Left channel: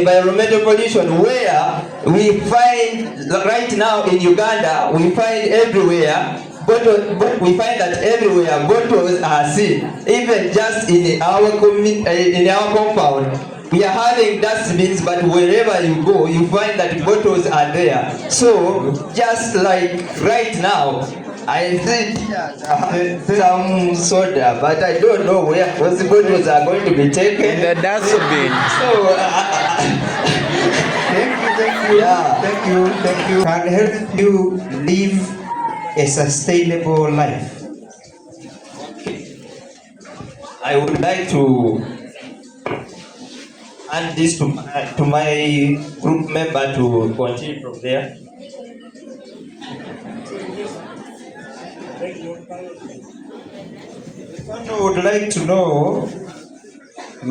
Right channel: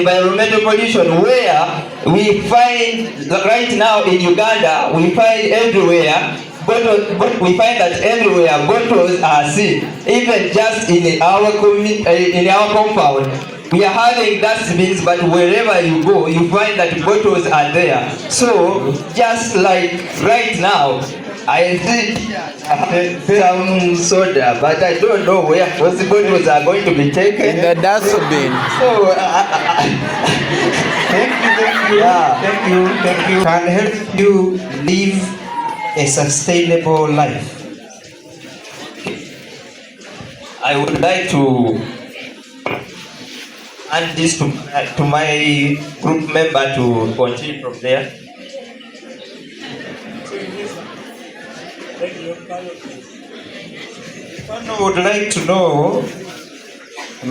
environmental pollution, where we find right now in Uganda, we find everywhere. But we find that everywhere bottles are seen, even just in our compound. We are having dustbins, but wherever you go, you find that bottles are there. So, just like right now, I think some soda, but I don't know where those bottles are going to be taken. In the dustbin. So, thank you. Can help you live a sustainable life. I would like to add this to my group member to continue from there. I would like to know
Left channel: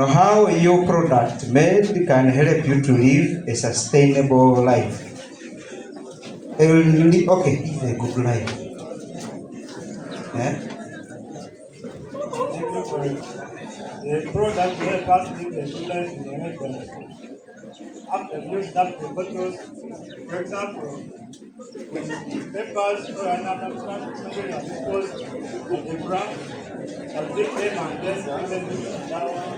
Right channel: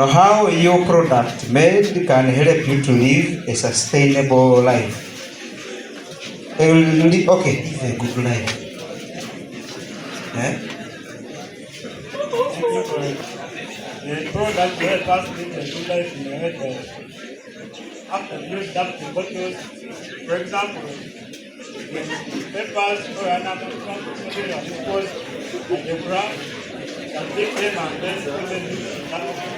how your product made can help you to live a sustainable life. Live a good life. The product help us live a good life in a way that after use up the bottles, for example, when papers to an amount dispose at the ground and take them and then put them in that one.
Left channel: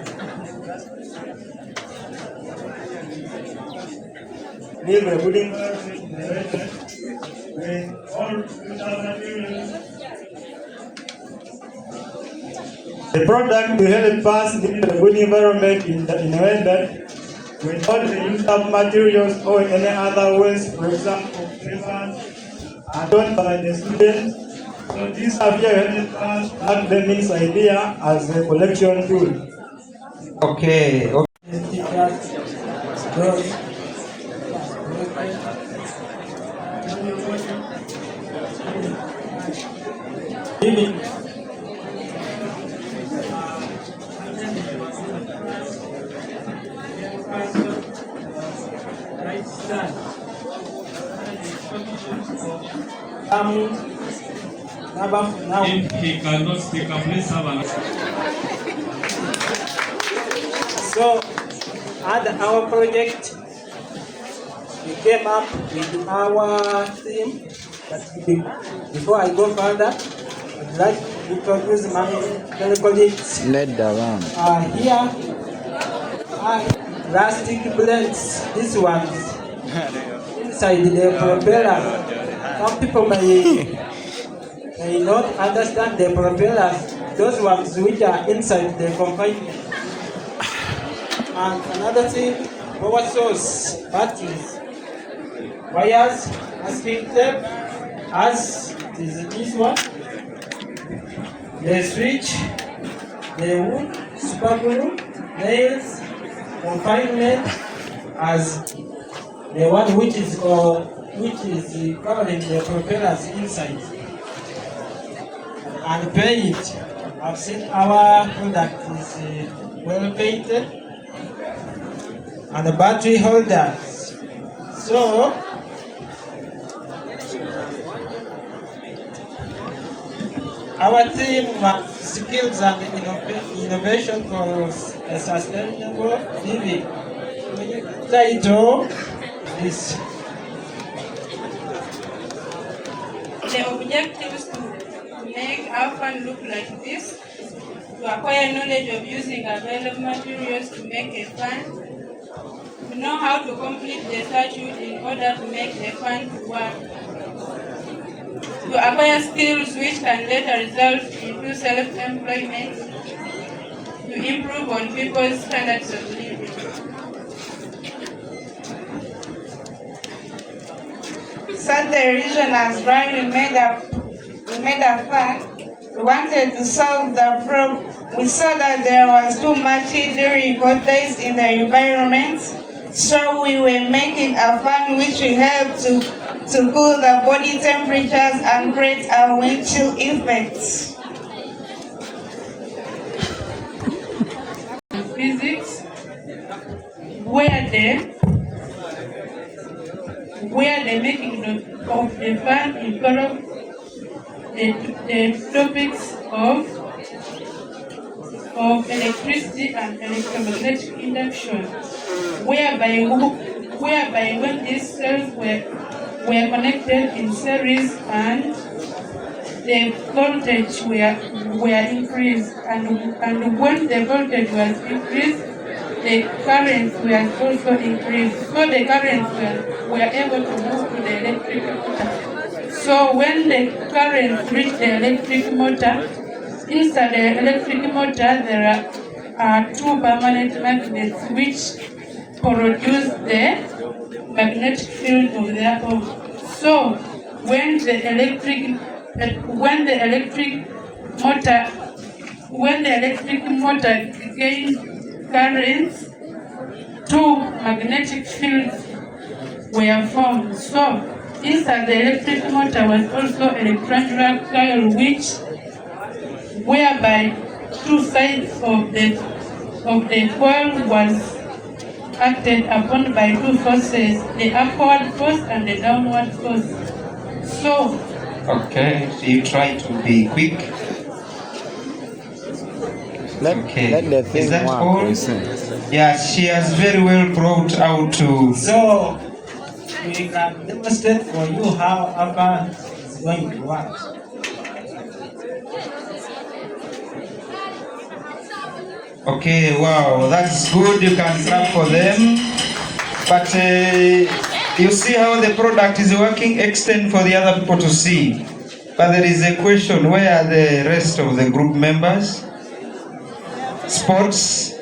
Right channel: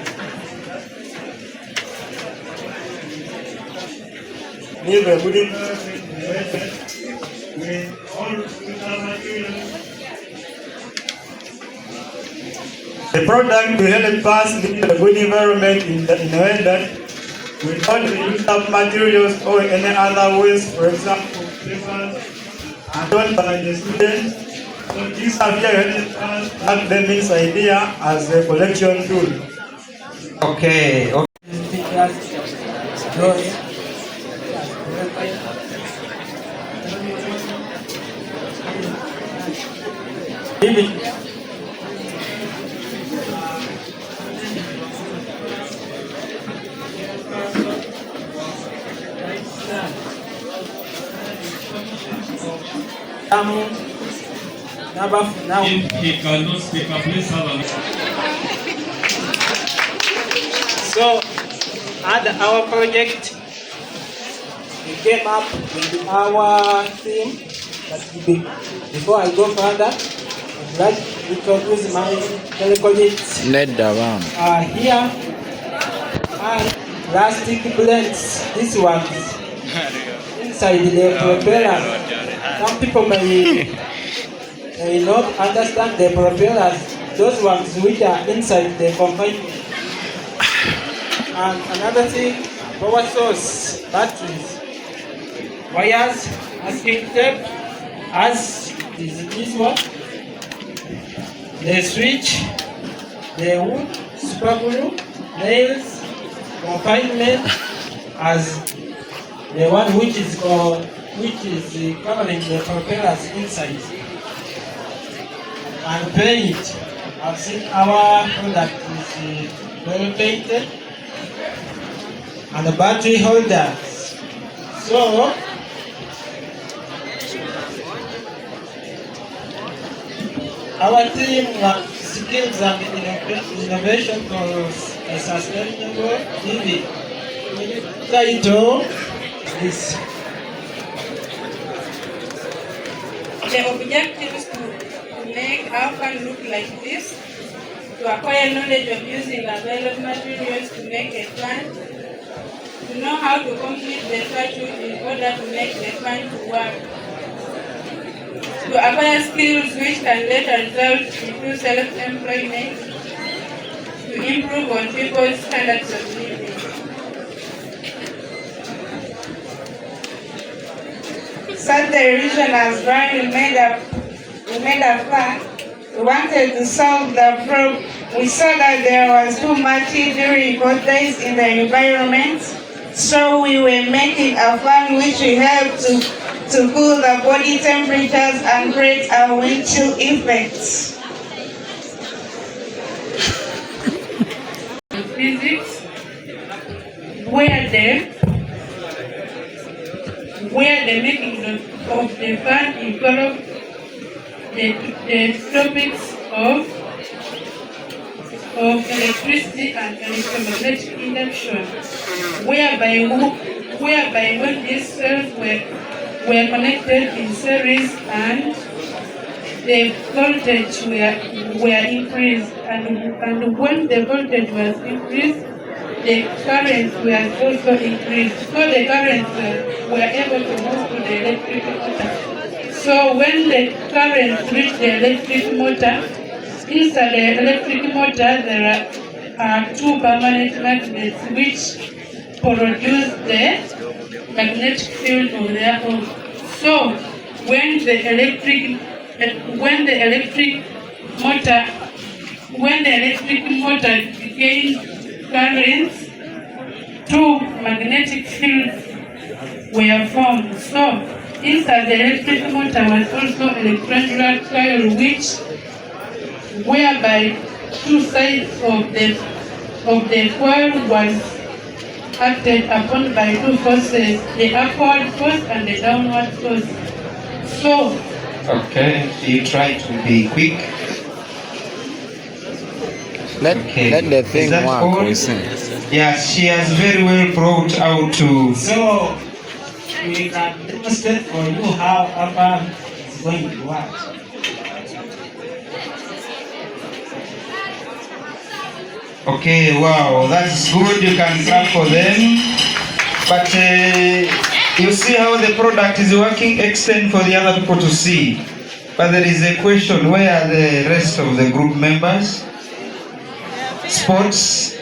Live a good environment in a way that when all without materials, the product will help us live a good environment in a way that when all the used up materials or any other waste, for example, papers, are done by the students. So this idea helps us have them this idea as a collection tool. Okay. If he cannot speak up, please have a So, at our project, we came up with our theme. Before I go further, I'd like to introduce my colleagues. Here are plastic plates. These ones inside the propeller. Some people may not understand the propellers. Those ones which are inside the confinement. And another thing, power source, batteries, wires, masking tape, as is this one, the switch, the wood, super glue, nails, confinement, as the one which is covering the propellers inside, and paint. I've seen our product is well painted, and the battery holders. So, our team skills and innovation for a sustainable living. Title is the objective is to make our fund look like this, to acquire knowledge of using available materials to make a plan, to know how to complete the statute in order to make the fund work, to acquire skills which can later result into self-employment, to improve on people's standards of living. Such the regional brand we made a fund. We wanted to solve the problem. We saw that there was too much injury days in the environment, so we were making a fund which will help to cool the body temperatures and create a wind chill effect. Physics, where the making of the fund involves the topics of of electricity and electromagnetic induction, whereby when these cells were connected in series and the voltage were increased, and when the voltage was increased, the current was also increased. So the current were able to move to the electric motor. So when the current reached the electric motor, inside the electric motor there are two permanent magnets which produce the magnetic field of their own. So when the electric motor gained currents, two magnetic fields were formed. So inside the electric motor was also electric coil, whereby two sides of the coil was acted upon by two forces, the upward force and the downward force. So Okay, you try to be quick. Let the thing Is that work. all? We see. Yes, she has very well brought out to. So we can demonstrate for you how ABBA is going to work. Okay, wow, that's good. You can clap for them. But you see how the product is working. Extend for the other people to see. But there is a question: where are the rest of the group members? Sports.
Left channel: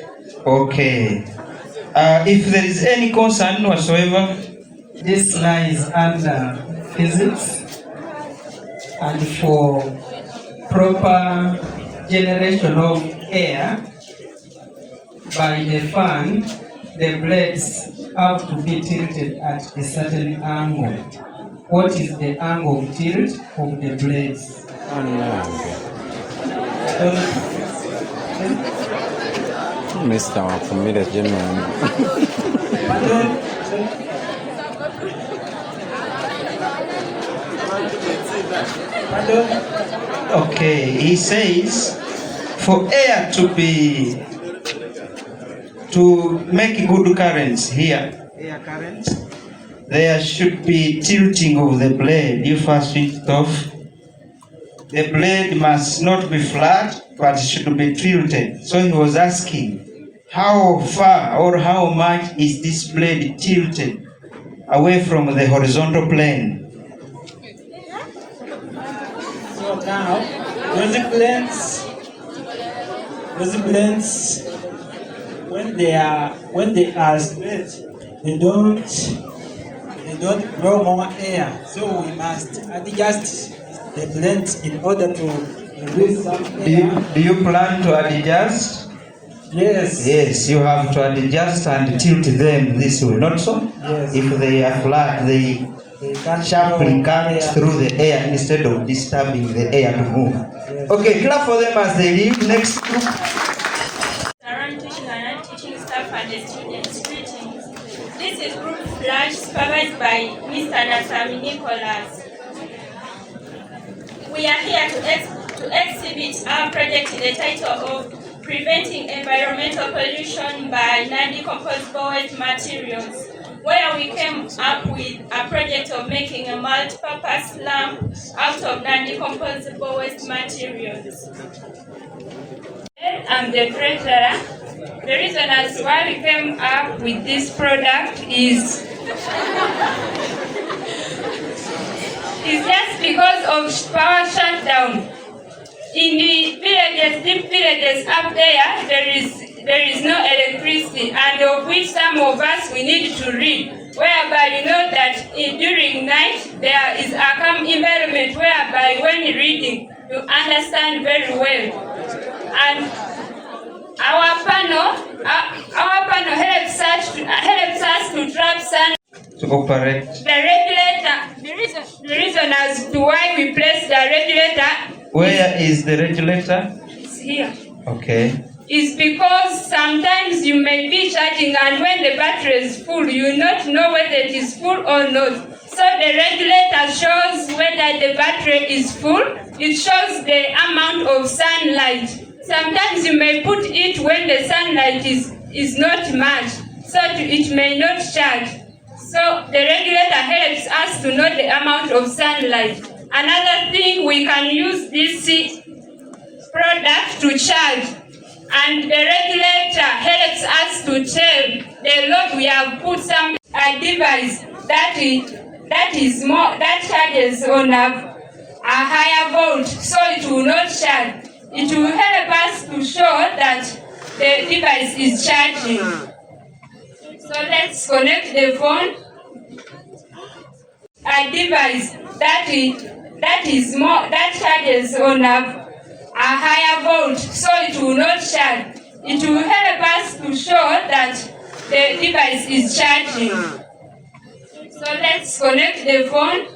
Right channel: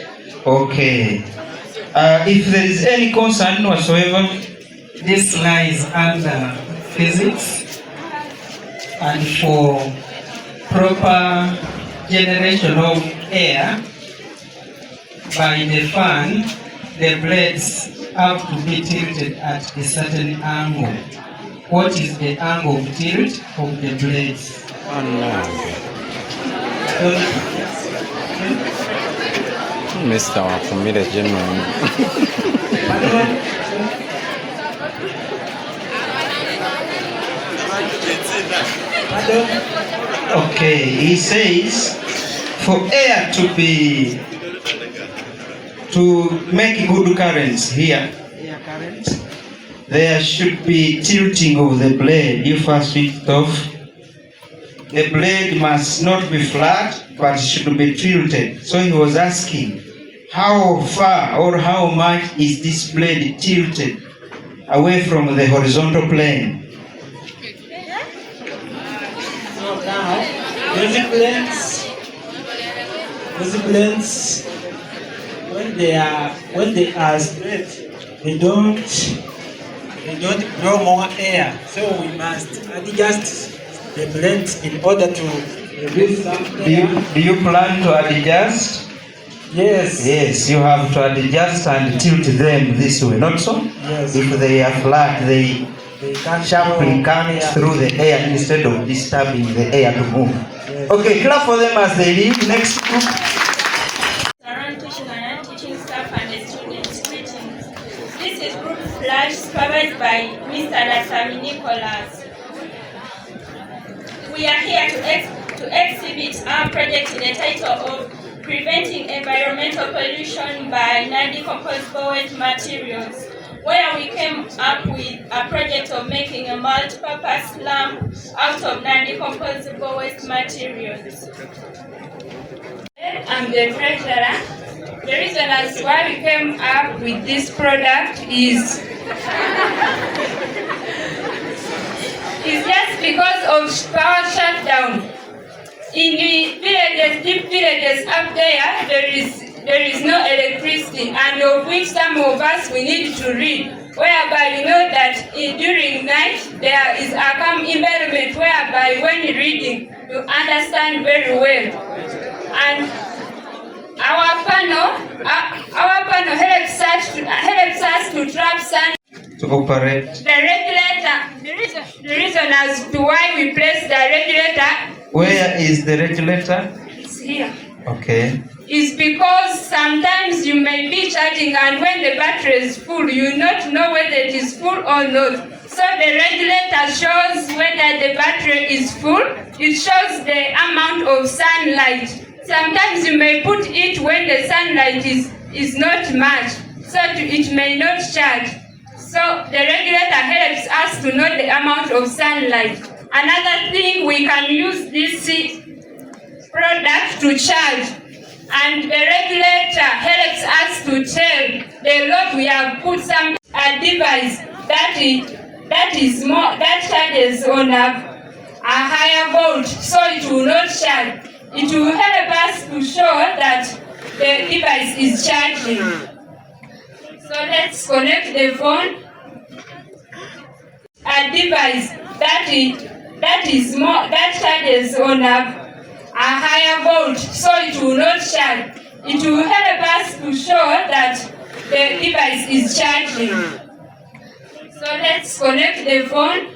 Okay. If there is any concern whatsoever, This lies under physics, and for proper generation of air by the fan, the blades have to be tilted at a certain angle. What is the angle of tilt of the blades? Mr. Wakumire General. okay, he says for air to make good currents here, there should be tilting of the blade. You first switch it off. The blade must not be flat, but should be tilted. So he was asking, how far or how much is this blade tilted away from the horizontal plane? So now, music blends, when they are straight, they don't draw more air. So we must adjust the blends in order to release some air. Do you plan to adjust? Yes. Yes, you have to adjust and tilt them this way, not so? Yes. If they are flat, they can't sharply draw cut air. through the air instead of disturbing the air to move. Yes. Okay, clap for them as they leave. Next group. Around teaching and non-teaching staff and the students. Greetings. This is Group Flash, supervised by Mr. Nasami Nicholas. We are here to exhibit our project in the title of Preventing Environmental Pollution by Non-Decomposable Waste Materials, where we came up with a project of making a multi-purpose lamp out of non-decomposable waste materials. I'm the treasurer. The reason as why we came up with this product is just because of power shutdown. In the villages, deep villages up there, there is no electricity, and of which some of us we need to read, whereby you know that during night there is a calm environment whereby when you're reading you understand very well. And our panel helps us to trap sun. To operate. The regulator, the reason as to why we place the regulator. Where is the regulator? It's here. Okay. Is because sometimes you may be charging, and when the battery is full, you not know whether it is full or not. So the regulator shows whether the battery is full. It shows the amount of sunlight. Sometimes you may put it when the sunlight is not much, so it may not charge. So the regulator helps us to know the amount of sunlight. Another thing, we can use this product to charge, and the regulator helps us to tell the load we have put some a device that charges on a higher volt, so it will not charge. It will help us to show that the device is charging. So let's connect the phone. A device that charges on a higher volt, so it will not charge. It will help us to show that the device is charging. So let's connect the phone.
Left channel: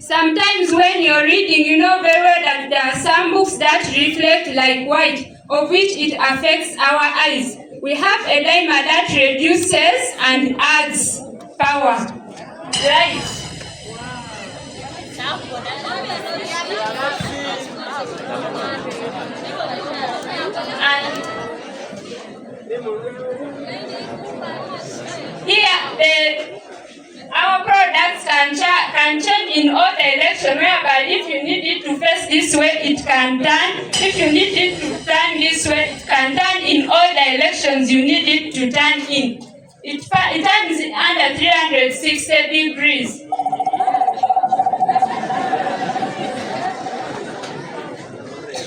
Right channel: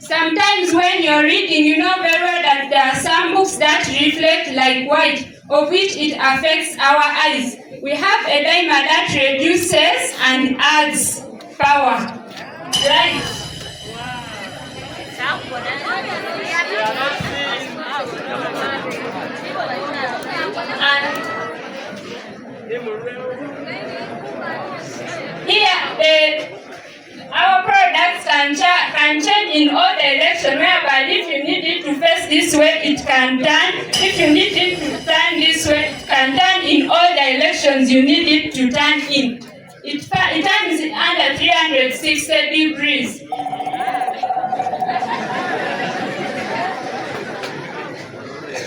Sometimes when you're reading, you know very well that there are some books that reflect like white, of which it affects our eyes. We have a dimmer that reduces and adds power. Right. Here, our products can change in all directions, whereby if you need it to face this way, it can turn. If you need it to turn this way, it can turn in all directions you need it to turn in. It turns under 360 degrees.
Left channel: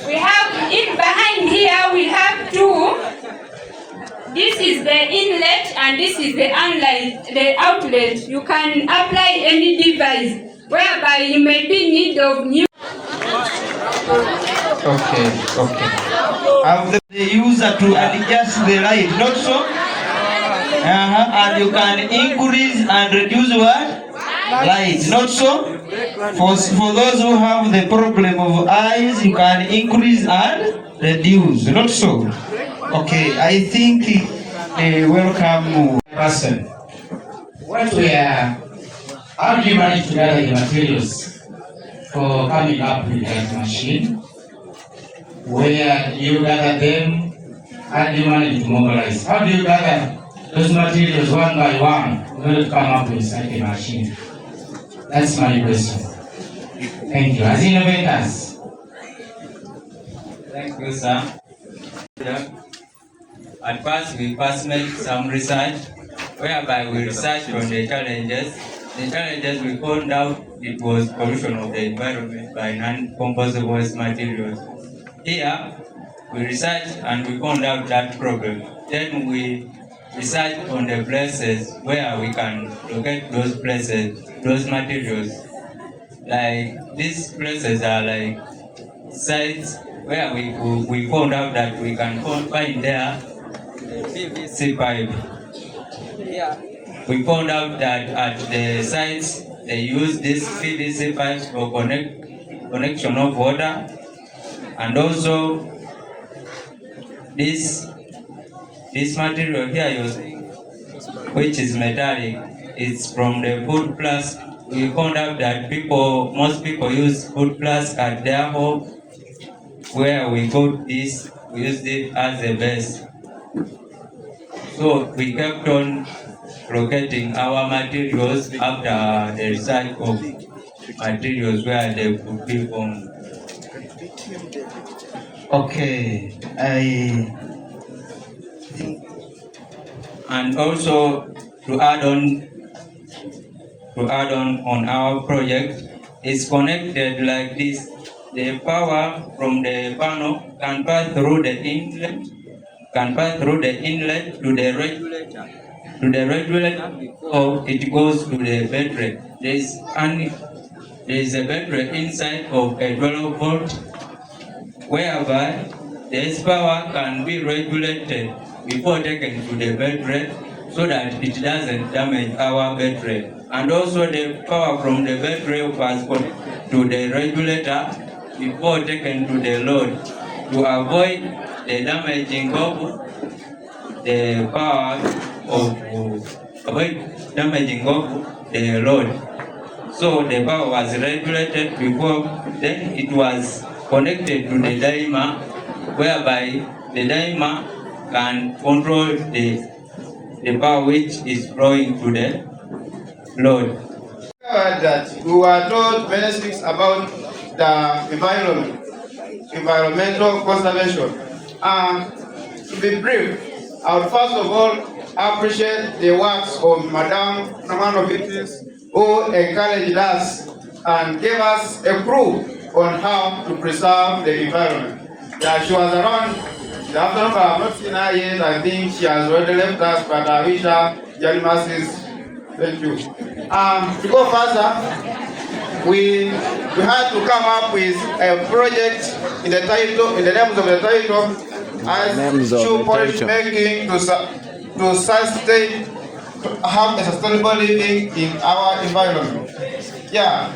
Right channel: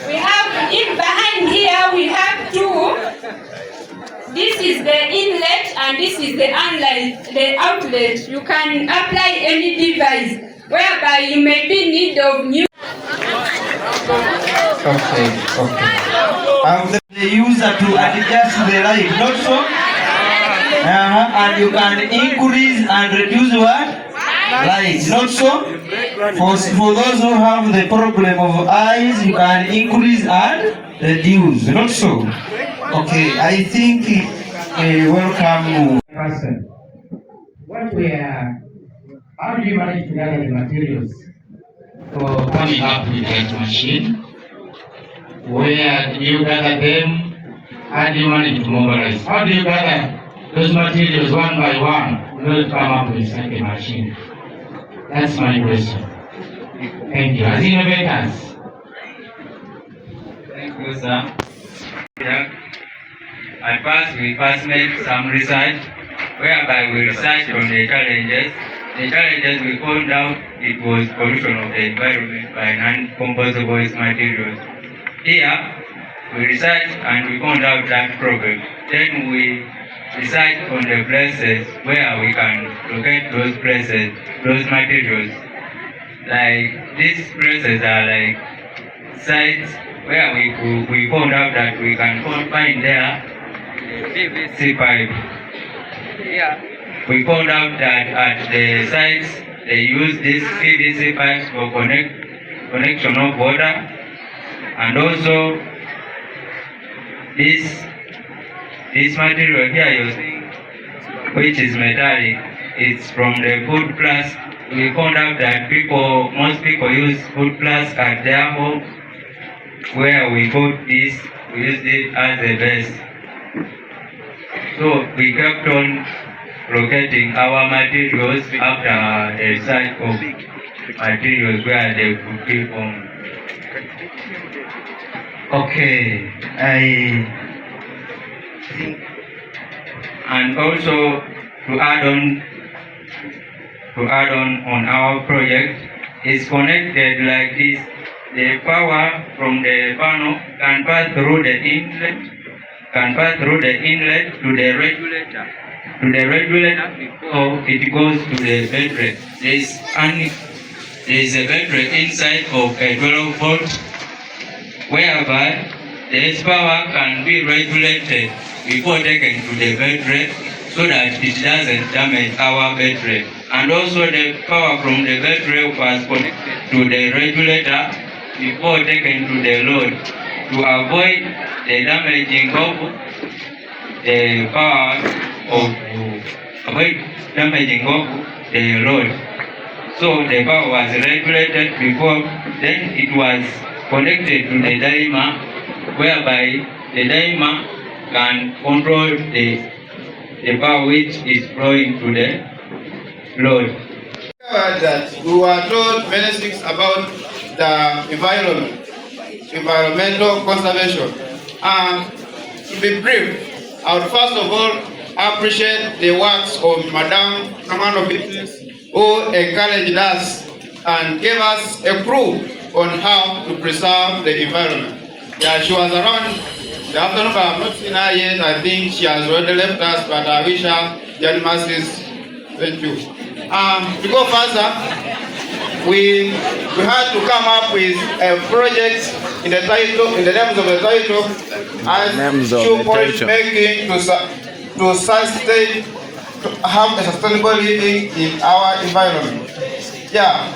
We have, behind here, we have two. This is the inlet and this is the outlet. You can apply any device whereby you may be in need of new. Okay. The user to adjust the light, not so? And you can increase and reduce what? Light, not so? For those who have the problem of eyes, you can increase and reduce, not so? Okay, I think welcome person. How do you manage to gather the materials for coming up with that machine? Where do you gather them? How do you manage to mobilize? How do you gather those materials one by one in order to come up with such a machine? That's my question. Thank you. As innovators. Thank you, sir. At first, we make some research, whereby we research on the challenges. The challenges we found out it was pollution of the environment by non-compostable materials. Here, we researched and we found out that problem. Then we research on the places where we can locate those places, those materials. Like these places are like sites where we found out that we can find there PVC pipe. Yeah. We found out that at the sites they use these PVC pipes for connection of water, and also this material here you're seeing, which is metallic, it's from the food plus. We found out that most people use food plus at their home, where we got this, we used it as a base. So we kept on locating our materials after the research of materials where they could be found. Okay, and also to add on our project is connected like this. The power from the panel can pass through the inlet to the regulator. Before it goes to the battery. There is a battery inside of a 12 volt, whereby this power can be regulated before taken to the battery, so that it doesn't damage our battery. And also the power from the battery was connected to the regulator before taken to the load, to avoid the damaging of the power the load. So the power was regulated before, then it was connected to the dimer, whereby the dimer can control the power which is flowing to the load. That we were told many things about the environment, environmental conservation. To be brief, I would first of all appreciate the works of Madame Namano who encouraged us and gave us a clue on how to preserve the environment. Yeah, she was around the afternoon, but I have not seen her yet. I think she has already left us, but I wish her journey mercies. Thank you. To go further, we had to come up with a project in the title, in the names of the title, as shoe polish making to sustain, to have a sustainable living in our environment. Yeah,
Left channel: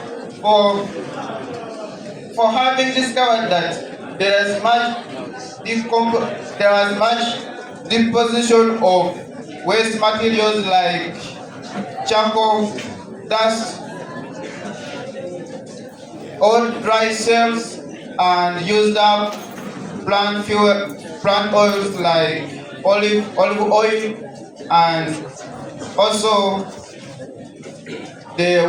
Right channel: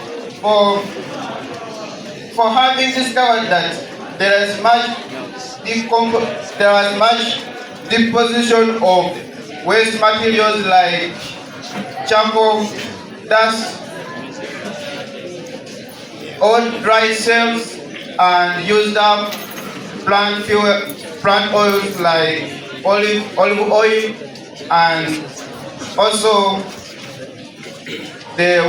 for having discovered that there is much deposition of waste materials like charcoal, dust, old dry cells, and used up plant oils like olive oil, and also the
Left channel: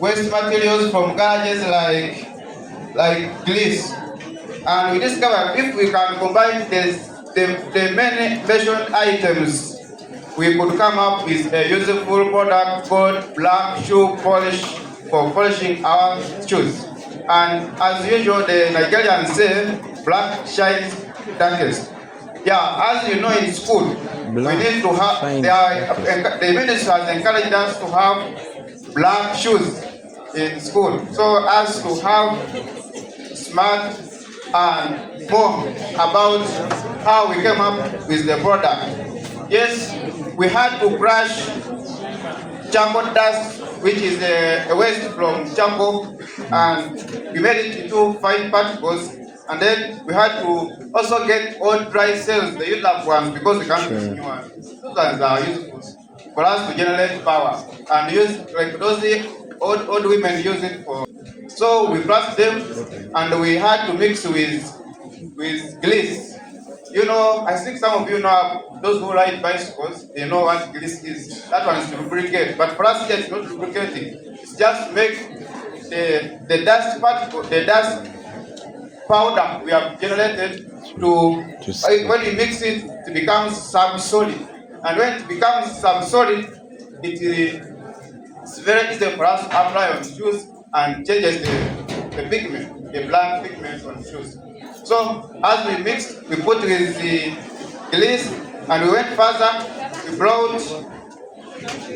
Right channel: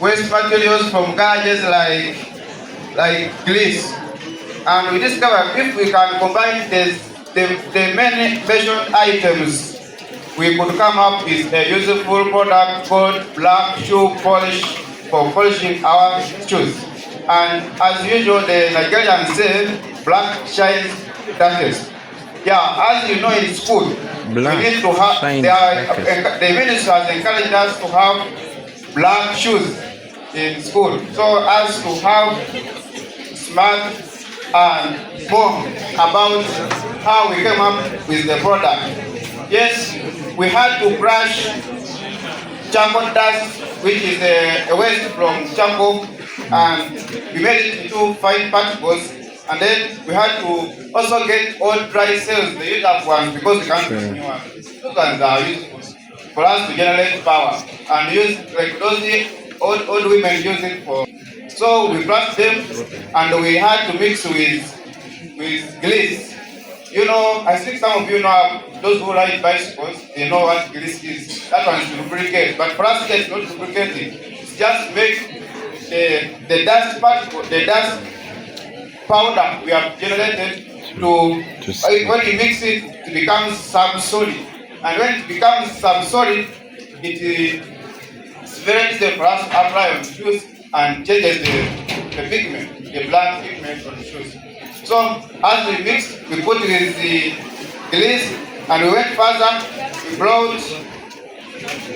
waste materials from garages like grease. And we discovered if we can combine the many mentioned items, we could come up with a useful product called black shoe polish for polishing our shoes. And as usual, the Nigerians say, black shines darkest. Yeah, as you know in school, black we need to have, the minister has encouraged us to have black shoes in school, so as to have smart and more about how we came up with the product. Yes, we had to crush charcoal dust, which is a waste from charcoal, and we made it into fine particles. And then we had to also get all dry cells, the used up ones, because we can't use new ones. Those ones are useful for us to generate power and use like those old women use it for. So we crushed them and we had to mix with grease. You know, I think some of you know, those who ride bicycles, they know what grease is. That one is lubricate, but for us it's not lubricating. It's just make the dust particle, the dust powder we have generated when you mix it, it becomes sub-solid. And when it becomes sub-solid, it's very easy for us to apply on shoes and changes the pigment, the black pigment on the shoes. So as we mixed, we put with the grease and we went further, we brought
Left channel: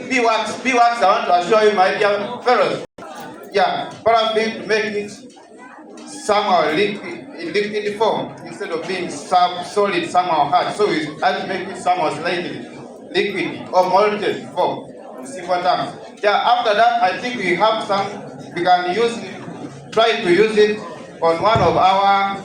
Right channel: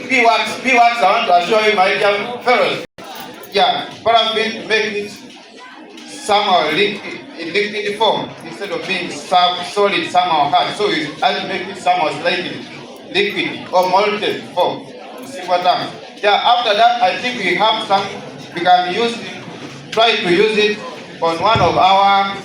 beeswax. Beeswax, I want to show you my dear fellows. Yeah, paraffin make it somehow liquid form instead of being solid, somehow hard. So we have to make it somehow slightly liquid or molten form. Simple terms. Yeah, after that, I think we have we can use it, try to use it on one of our,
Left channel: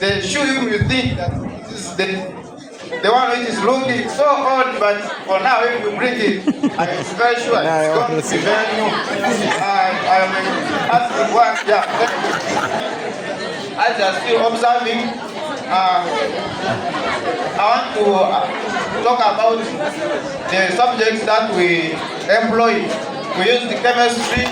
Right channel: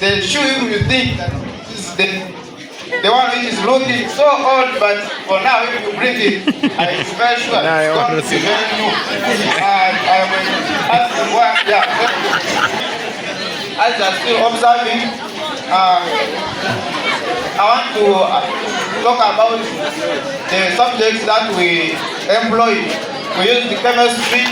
the shoe you think that this is the one which is looking so old, but for now, if we bring it, I'm very sure it's going to be very new. As you are still observing, I want to talk about the subjects that we employ. We use the chemistry,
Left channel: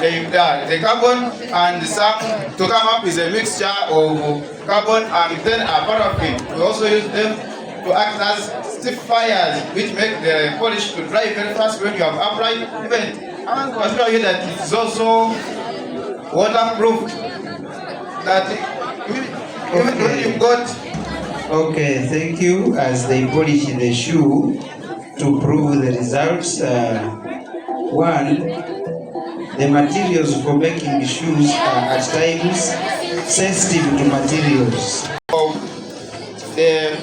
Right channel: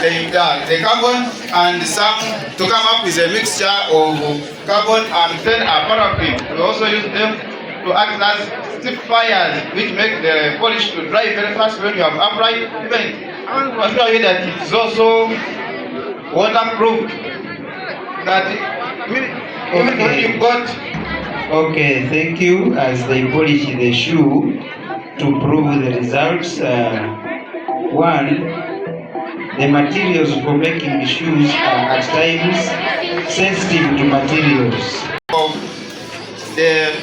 the carbon and some to come up with a mixture of carbon and then a paraffin. We also use them to act as stiffers, which make the polish to dry very fast when you have applied. Even I want to assure you that it is also waterproof. That even when you got. Okay, thank you. As they polish the shoe to prove the results, one, the materials for making the shoes are at times sensitive to materials. The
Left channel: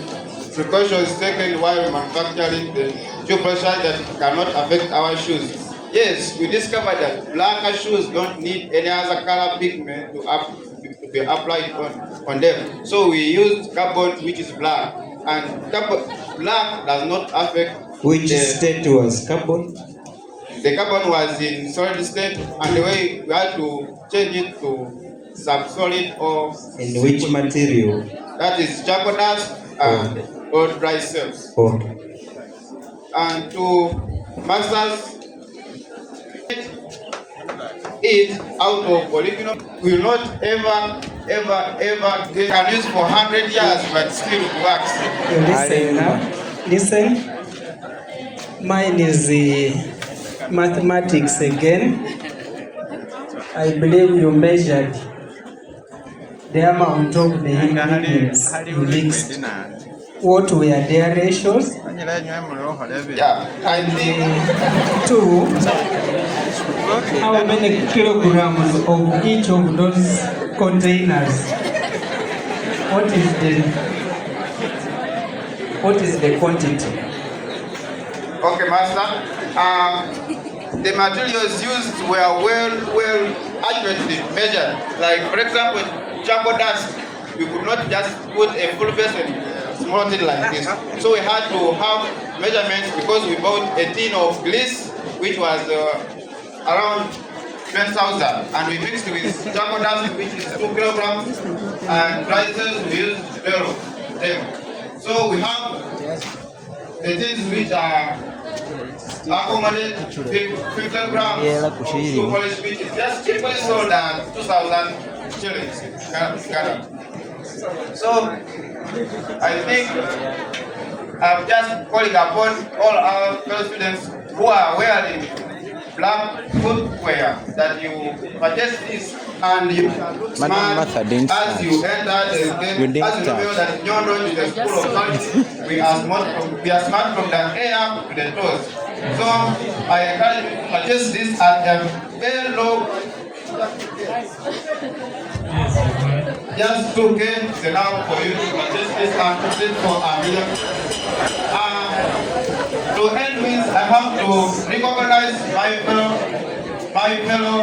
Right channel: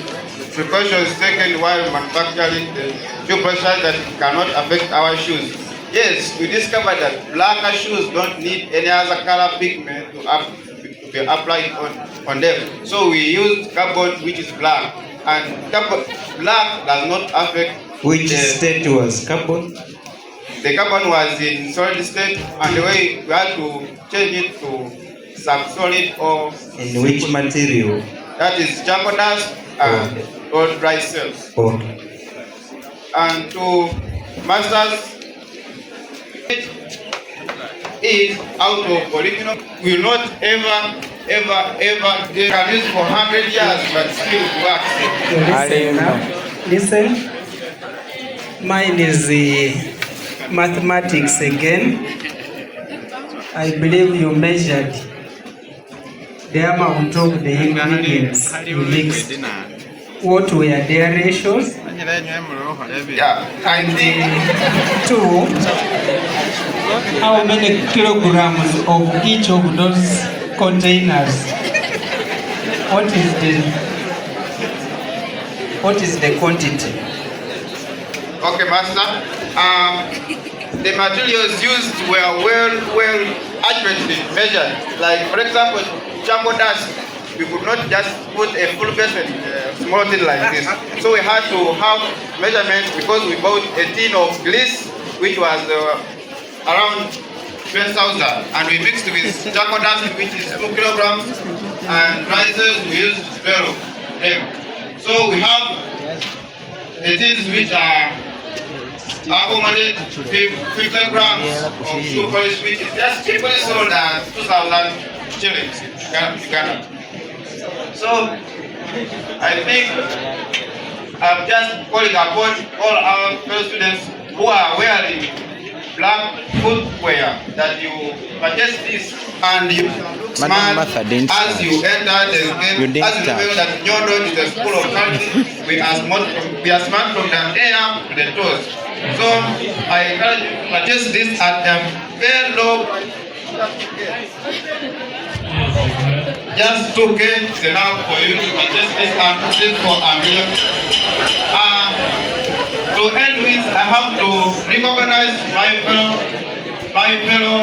precautions taken while manufacturing the shoe pressure that cannot affect our shoes. Yes, we discovered that blacker shoes don't need any other color pigment to be applied on them. So we use carbon, which is black, and black does not affect. Which state was carbon? The carbon was in solid state, and the way we had to change it to subsolid or In which material? that is charcoal dust and or dry cells. Okay. And to masters it out of polyphenol will not ever they can use for 100 years but still works. Listen now. Listen. Mine is the mathematics again. I believe you measured the amount of the ingredients you mixed. What were their ratios? Yeah, and Two, how many kilograms of each of those containers? What is the quantity? okay, master. The materials used were well accurately measured. Like for example, charcoal dust, you could not just put a full vessel small thing like this. So we had to have measurements because we bought a tin of grease which was around 10,000, and we mixed with charcoal dust which is 2 kilograms, and rices we used 12 of them. So we have the things which are accumulated 50 grams of shoe polish, which is just cheaply sold at 2,000 shillings in Ghana. So I think I'm just calling upon all our fellow students who are wearing black footwear that you purchase this and you smart as you enter the game, as you know that Nyondo is the school of quality. We are smart from the head up to the toes. So I encourage you to purchase this at a very low. Just 2K is enough for you to purchase this and put it for a million. To end with, I have to recognize my fellow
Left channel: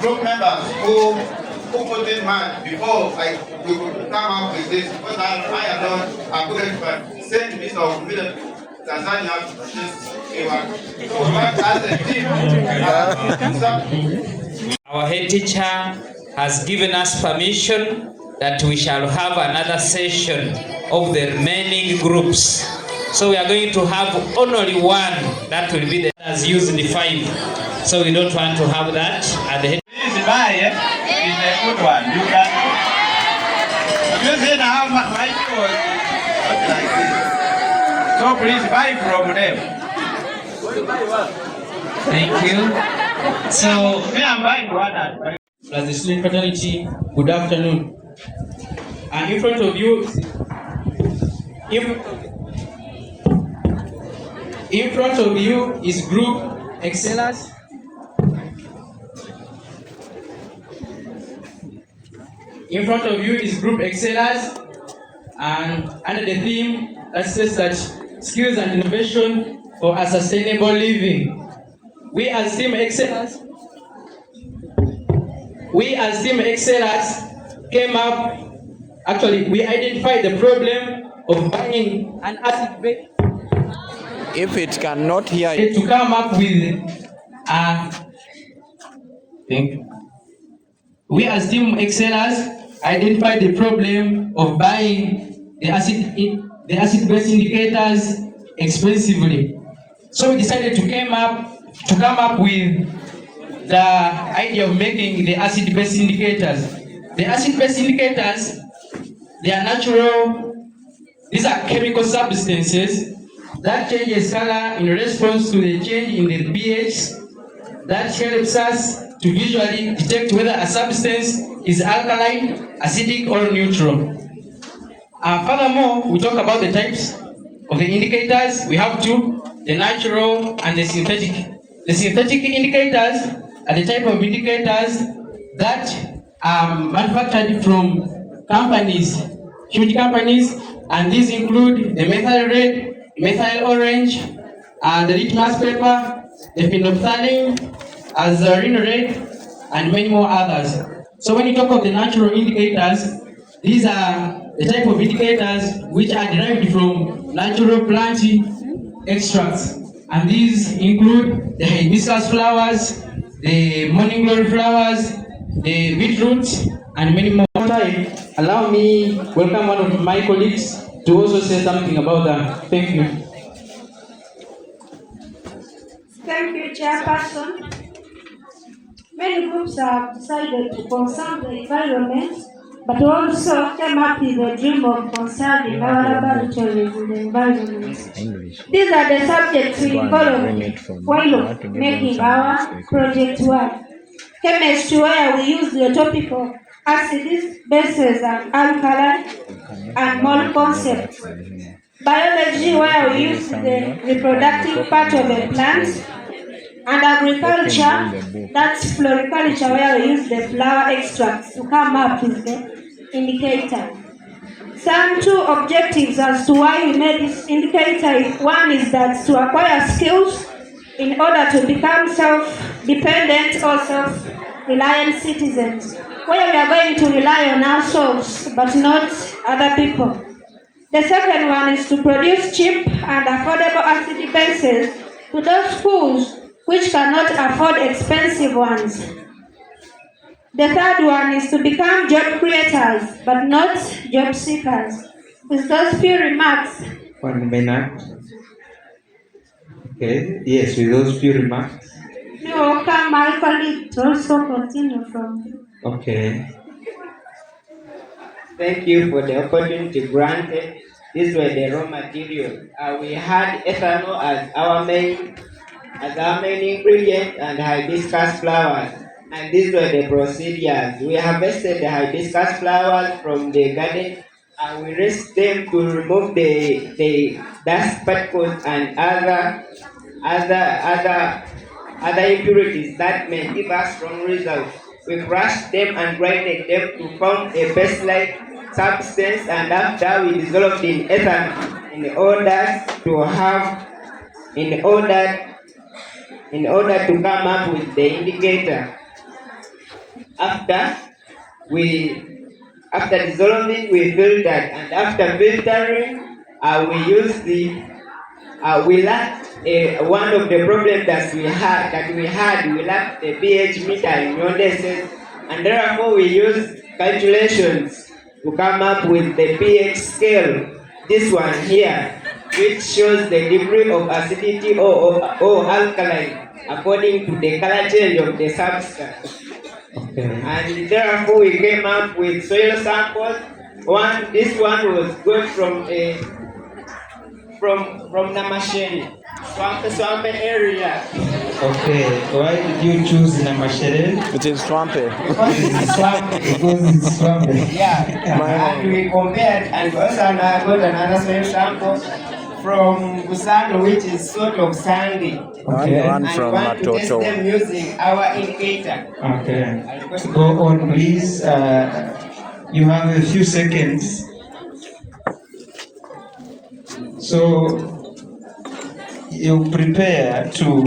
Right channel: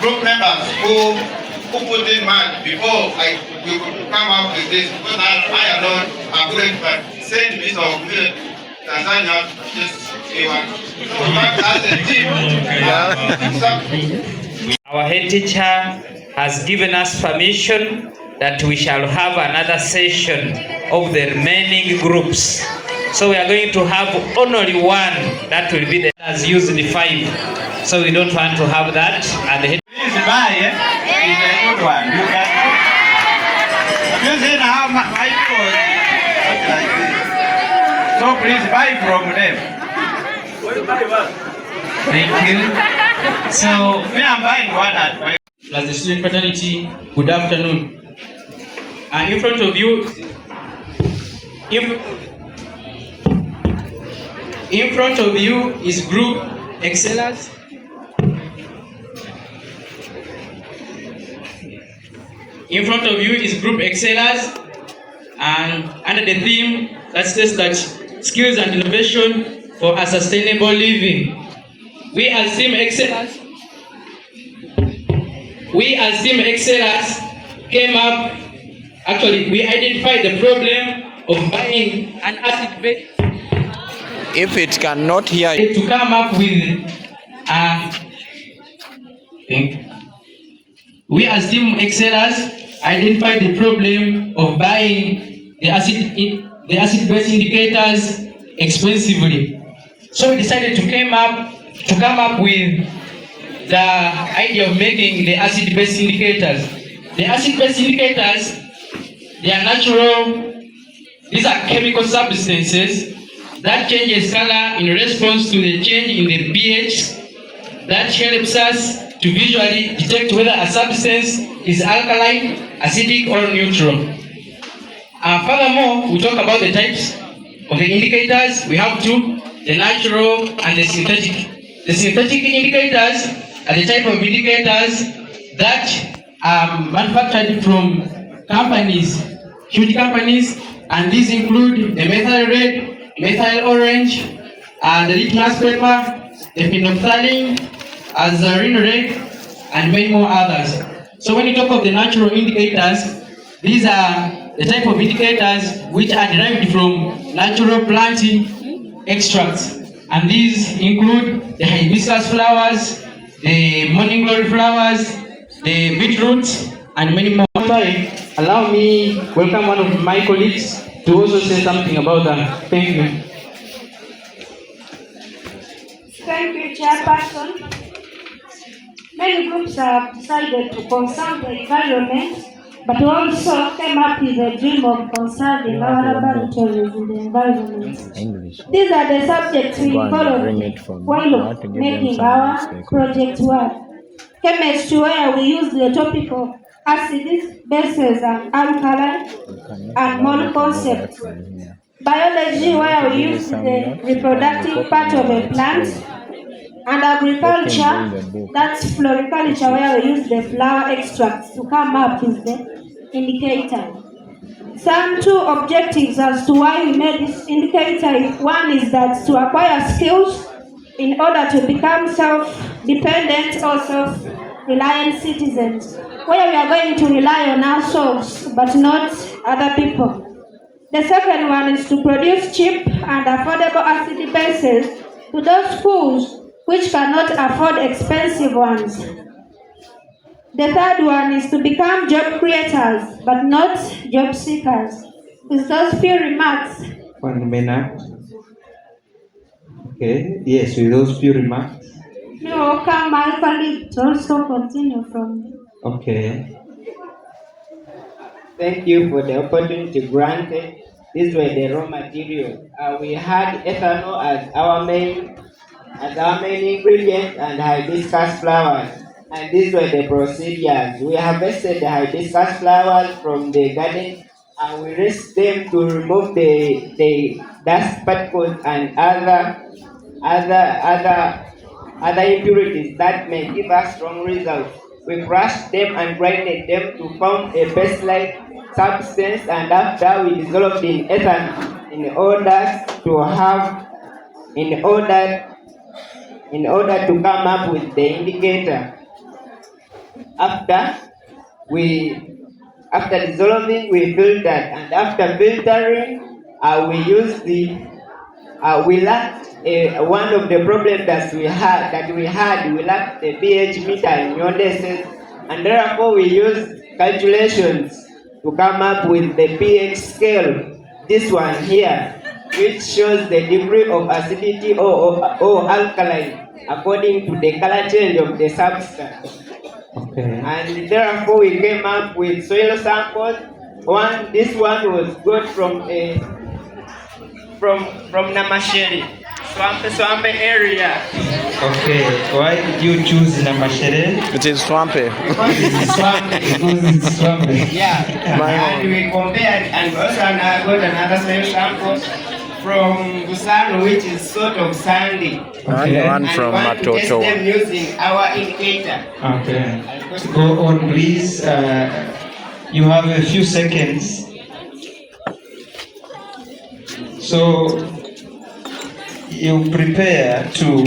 group members who put in mind before you could come up with this. Because I alone couldn't send this of Tanzania this one. So as a team, our head teacher has given us permission that we shall have another session of the remaining groups. So we are going to have only one that will be the as used the 5. So we don't want to have that. And the head please buy is a good one. You can use it now my clothes like this. So please buy from them. Thank you. So me, I'm buying one at my as the student fraternity, good afternoon. In front of you, in front of you is group excellers. In front of you is group excellers, and under the theme that says that skills and innovation for a sustainable living. We as team excellers came up, actually we identified the problem of buying an acid-based. If it cannot hear you, To come up with a thing. We as team excellers identified the problem of buying the acid-based indicators expensively. So we decided to come up with the idea of making the acid-based indicators. The acid-based indicators, they are natural, these are chemical substances that changes color in response to the change in the pH that helps us to visually detect whether a substance is alkaline, acidic, or neutral. Furthermore, we talk about the types of the indicators. We have two, the natural and the synthetic. The synthetic indicators are the type of indicators that are manufactured from companies, huge companies, and these include the methyl red, methyl orange, the litmus paper, the phenolphthalein, azarin red, and many more others. So when you talk of the natural indicators, these are the type of indicators which are derived from natural plant extracts. And these include the hibiscus flowers, the morning glory flowers, the beetroot, and many more. Time, allow me welcome one of my colleagues to also say something about that. Thank you. Thank you, Chairperson. Many groups have decided to conserve the environment, but also came up with the dream of conserving our laboratories in the environment. These are the subjects we followed while making our project work. Chemistry, where we use the topical acids, bases, and alkali, and mole concepts. Biology, where we use the reproductive part of a plant. And agriculture, that's floriculture, where we use the flower extracts to come up with the indicator. Some two objectives as to why we made this indicator. One is that to acquire skills in order to become self-dependent or self-reliant citizens, where we are going to rely on ourselves but not other people. The second one is to produce cheap and affordable acid bases to those schools which cannot afford expensive ones. The third one is to become job creators, but not job seekers. With those few remarks. 1 minute. Okay, yes, with those few remarks. You will come, my colleague, to also continue from. Okay. Thank you for the opportunity granted. These were the raw materials. We had ethanol as our main ingredient and hibiscus flowers. And these were the procedures. We harvested the hibiscus flowers from the garden and we rinsed them to remove the dust particles and other impurities that may give us wrong results. We crushed them and grinded them to form a paste-like substance, and after we dissolved in ethanol in order to come up with the indicator. After dissolving, we filtered, and after filtering, we lacked one of the problems that we had. We lacked the pH meter in Nyondo, and therefore we used calculations to come up with the pH scale. This one here, which shows the degree of acidity or alkaline according to the color change of the substance. Okay. And therefore we came up with soil samples. This one was got from Namasheri, swamp area. Okay, why did you choose Namasheri? It is swampy. Because it's swampy. Yeah. And we compared, and also got another soil sample from Busano, which is sort of sandy. Okay. And one from Matoto. Test them using our indicator. Okay. Go on, please. You have a few seconds. So you prepare to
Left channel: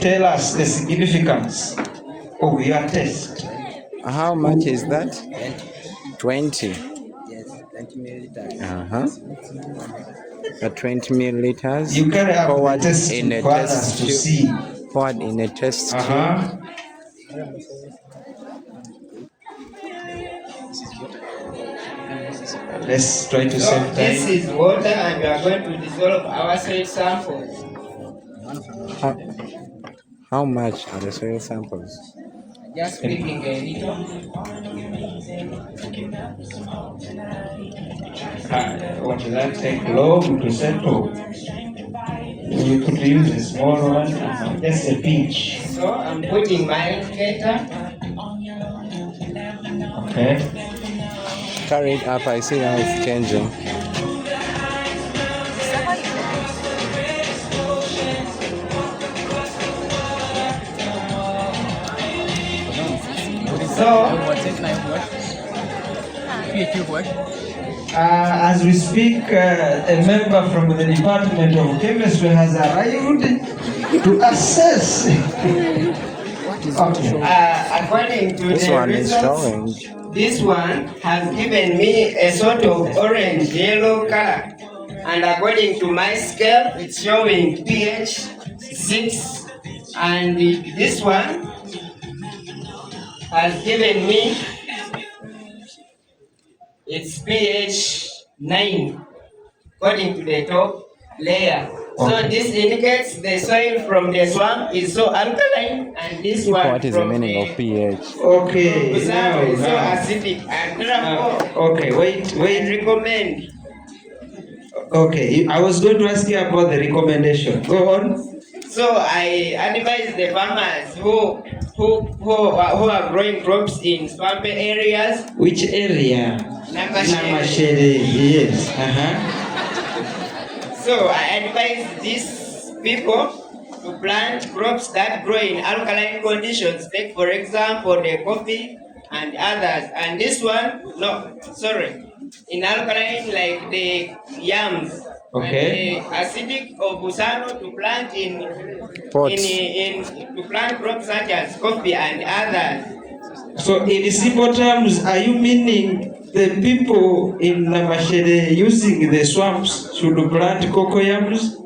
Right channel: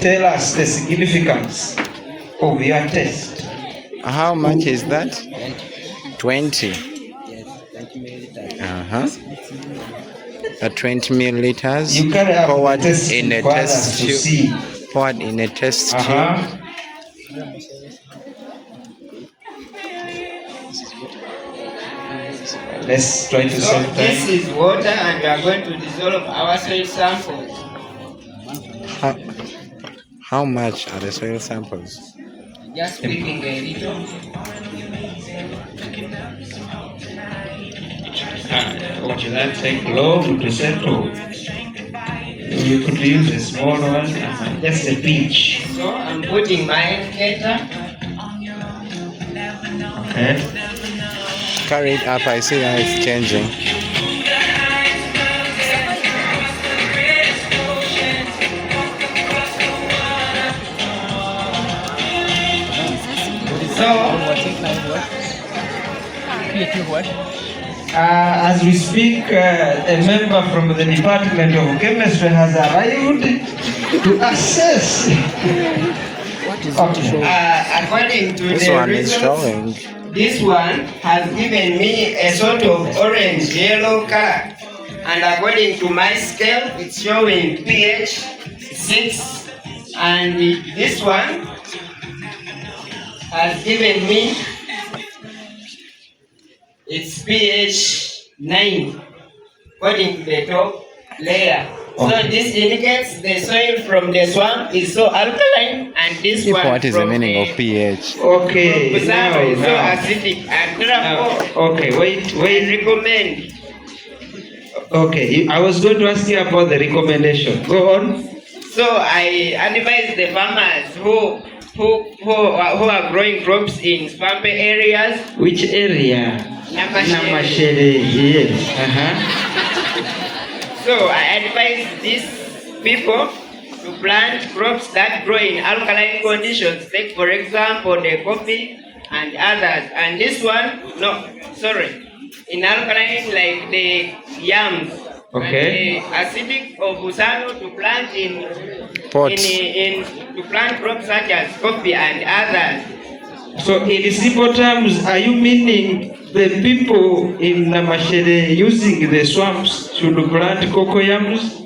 tell us the significance of your test. How much is that? 20. Yes, 20 milliliters. 20 milliliters You can have poured test in a for test others to tube. see. Poured in a test tube. Let's try to solve time. This is water, and we are going to dissolve our soil samples. How much are the soil samples? Just speaking a little. Would that take long to settle? You could use a small one, just a pinch. So I'm putting my indicator. Okay. Carry it up, I see how it's changing. As we speak, a member from the Department of Chemistry has arrived to assess. Okay. According to This the one is results, showing. this one has given me a sort of orange-yellow color. And according to my scale, it's showing pH 6. And this one has given me it's pH 9 according to the top layer. So this indicates the soil from the swamp is so alkaline, and this one What is the from meaning of pH? Okay, from now, is so now. acidic, and therefore Okay, wait. recommend. Okay, I was going to ask you about the recommendation. Go on. So I advise the farmers who are growing crops in swampy areas. Which area? Namashede. Yes. So I advise these people to plant crops that grow in alkaline conditions. Take for example the coffee and others. And this one, in alkaline like the yams. Okay. And the acidic of Busano to plant Pots. to plant crops such as coffee and others. So in simple terms, are you meaning the people in Namashede using the swamps should plant cocoyams?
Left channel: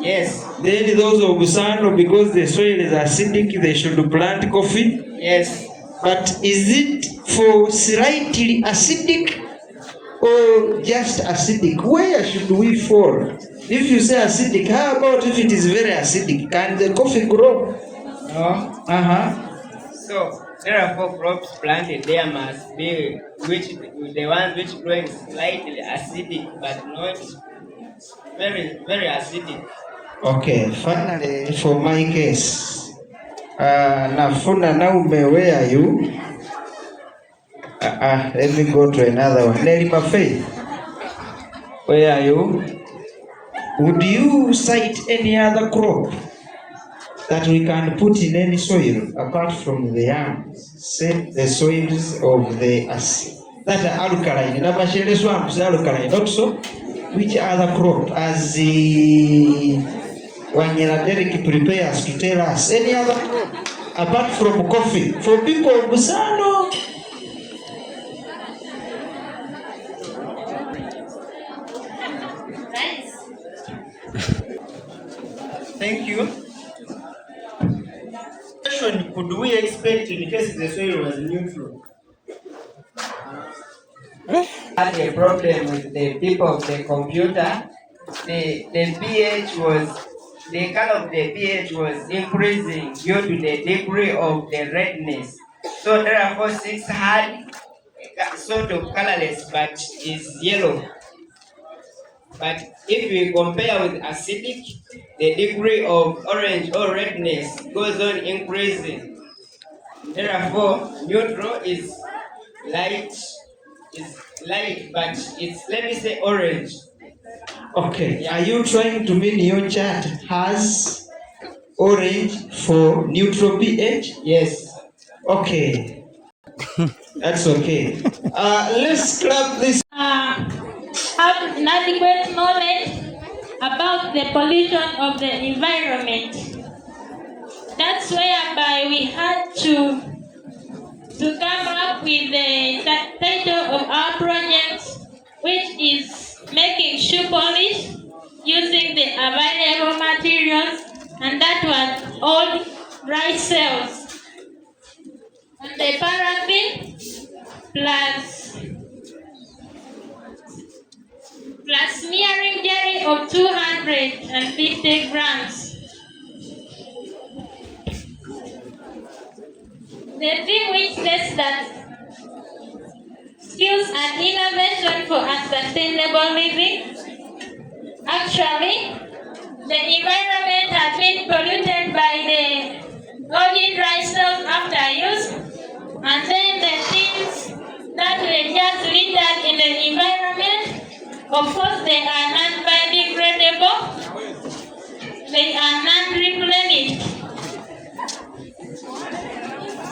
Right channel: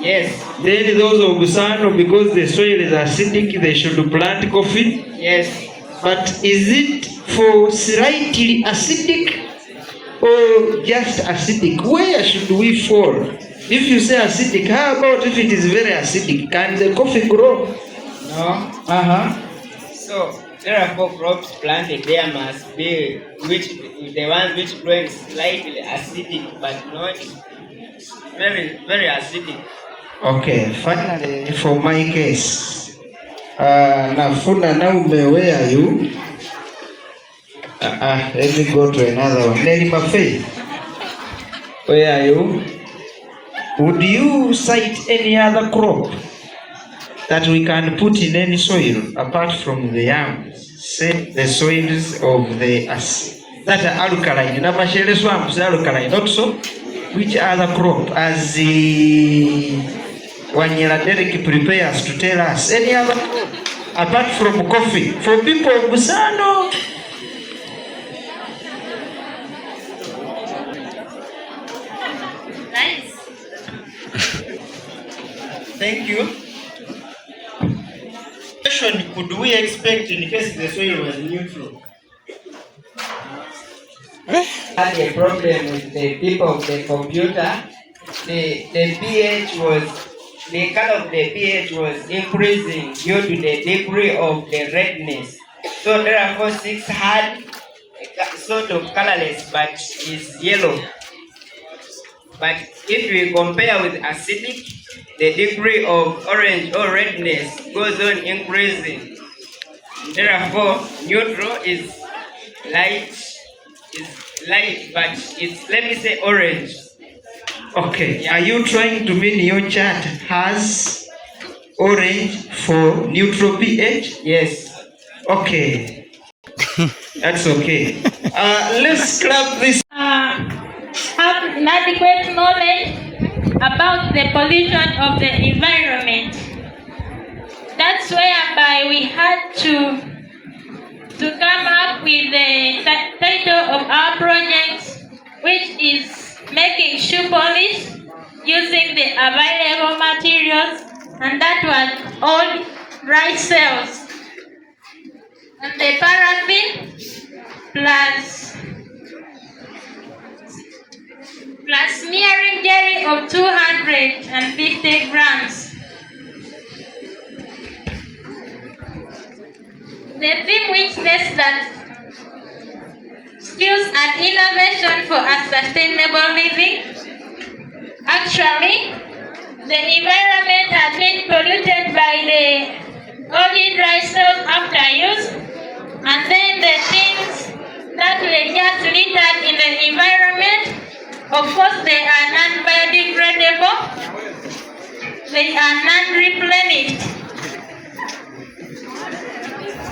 Yes. Then those of Busano, because the soil is acidic, they should plant coffee? Yes. But is it for slightly acidic or just acidic? Where should we fall? If you say acidic, how about if it is very acidic? Can the coffee grow? No. So therefore crops planted there must be the ones which grow slightly acidic but not very, very acidic. Okay, finally for my case. Nafuna Naume, where are you? Let me go to another one. Lady Buffet, where are you? Would you cite any other crop that we can put in any soil apart from the yams? Say the soils of the that are alkaline. Namashede swamps are alkaline also. Which other crop, as the Wanyela Derek prepares to tell us, any other crop apart from coffee for people of Busano? Nice. Thank you. Question: could we expect in case the soil was neutral? Had a problem with the tip of the computer. The pH was, the color of the pH was increasing due to the degree of the redness. So therefore 6 had a sort of colorless but is yellow. But if we compare with acidic, the degree of orange or redness goes on increasing. Therefore, neutral is light, but it's, let me say, orange. Okay, are you trying to mean your chart has orange for neutral pH? Yes. Okay, that's okay. Let's scrap this. Have inadequate knowledge about the pollution of the environment. That's whereby we had to come up with the title of our project, which is making shoe polish using the available materials, and that was old rice cells. And the paraffin plus smearing jelly of 250 grams. The thing which says that skills and innovation for a sustainable living. Actually, the environment has been polluted by the oily dry cells after use, and then the things that were just littered in the environment, of course they are non-biodegradable, they are non-replenished.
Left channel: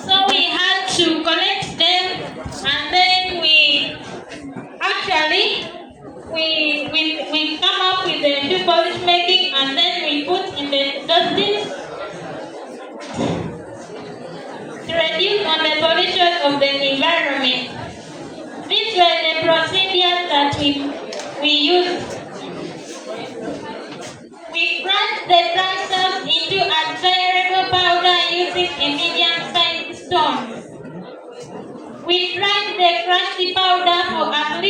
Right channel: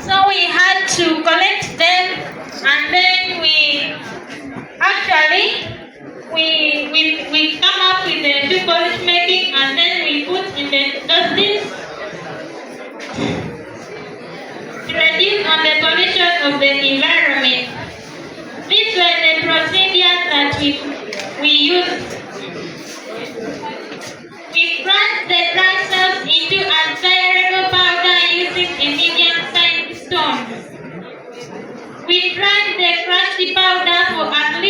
So we had to collect them, and then we come up with the shoe polish making, and then we put in the dustbins to reduce the pollution of the environment. These were the procedures that we used. We crushed the dry cells into a variable powder using a medium-sized stone. We dried the crushed powder for at least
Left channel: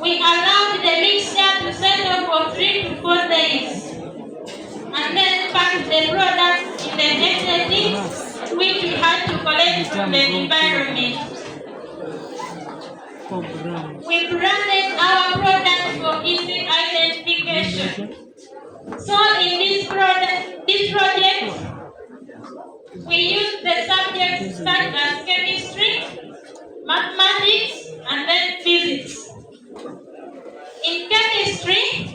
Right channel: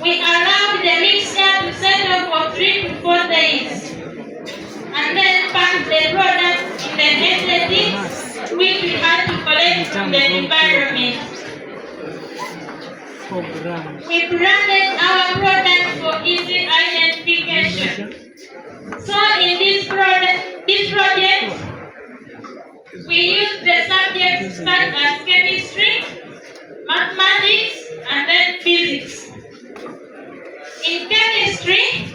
We allowed the mixture to settle for 3 to 4 days and then packed the product in the aesthetics which we had to collect from the environment. We branded our product for easy identification. So in this project, we used the subjects such as chemistry, mathematics, and then physics. In chemistry,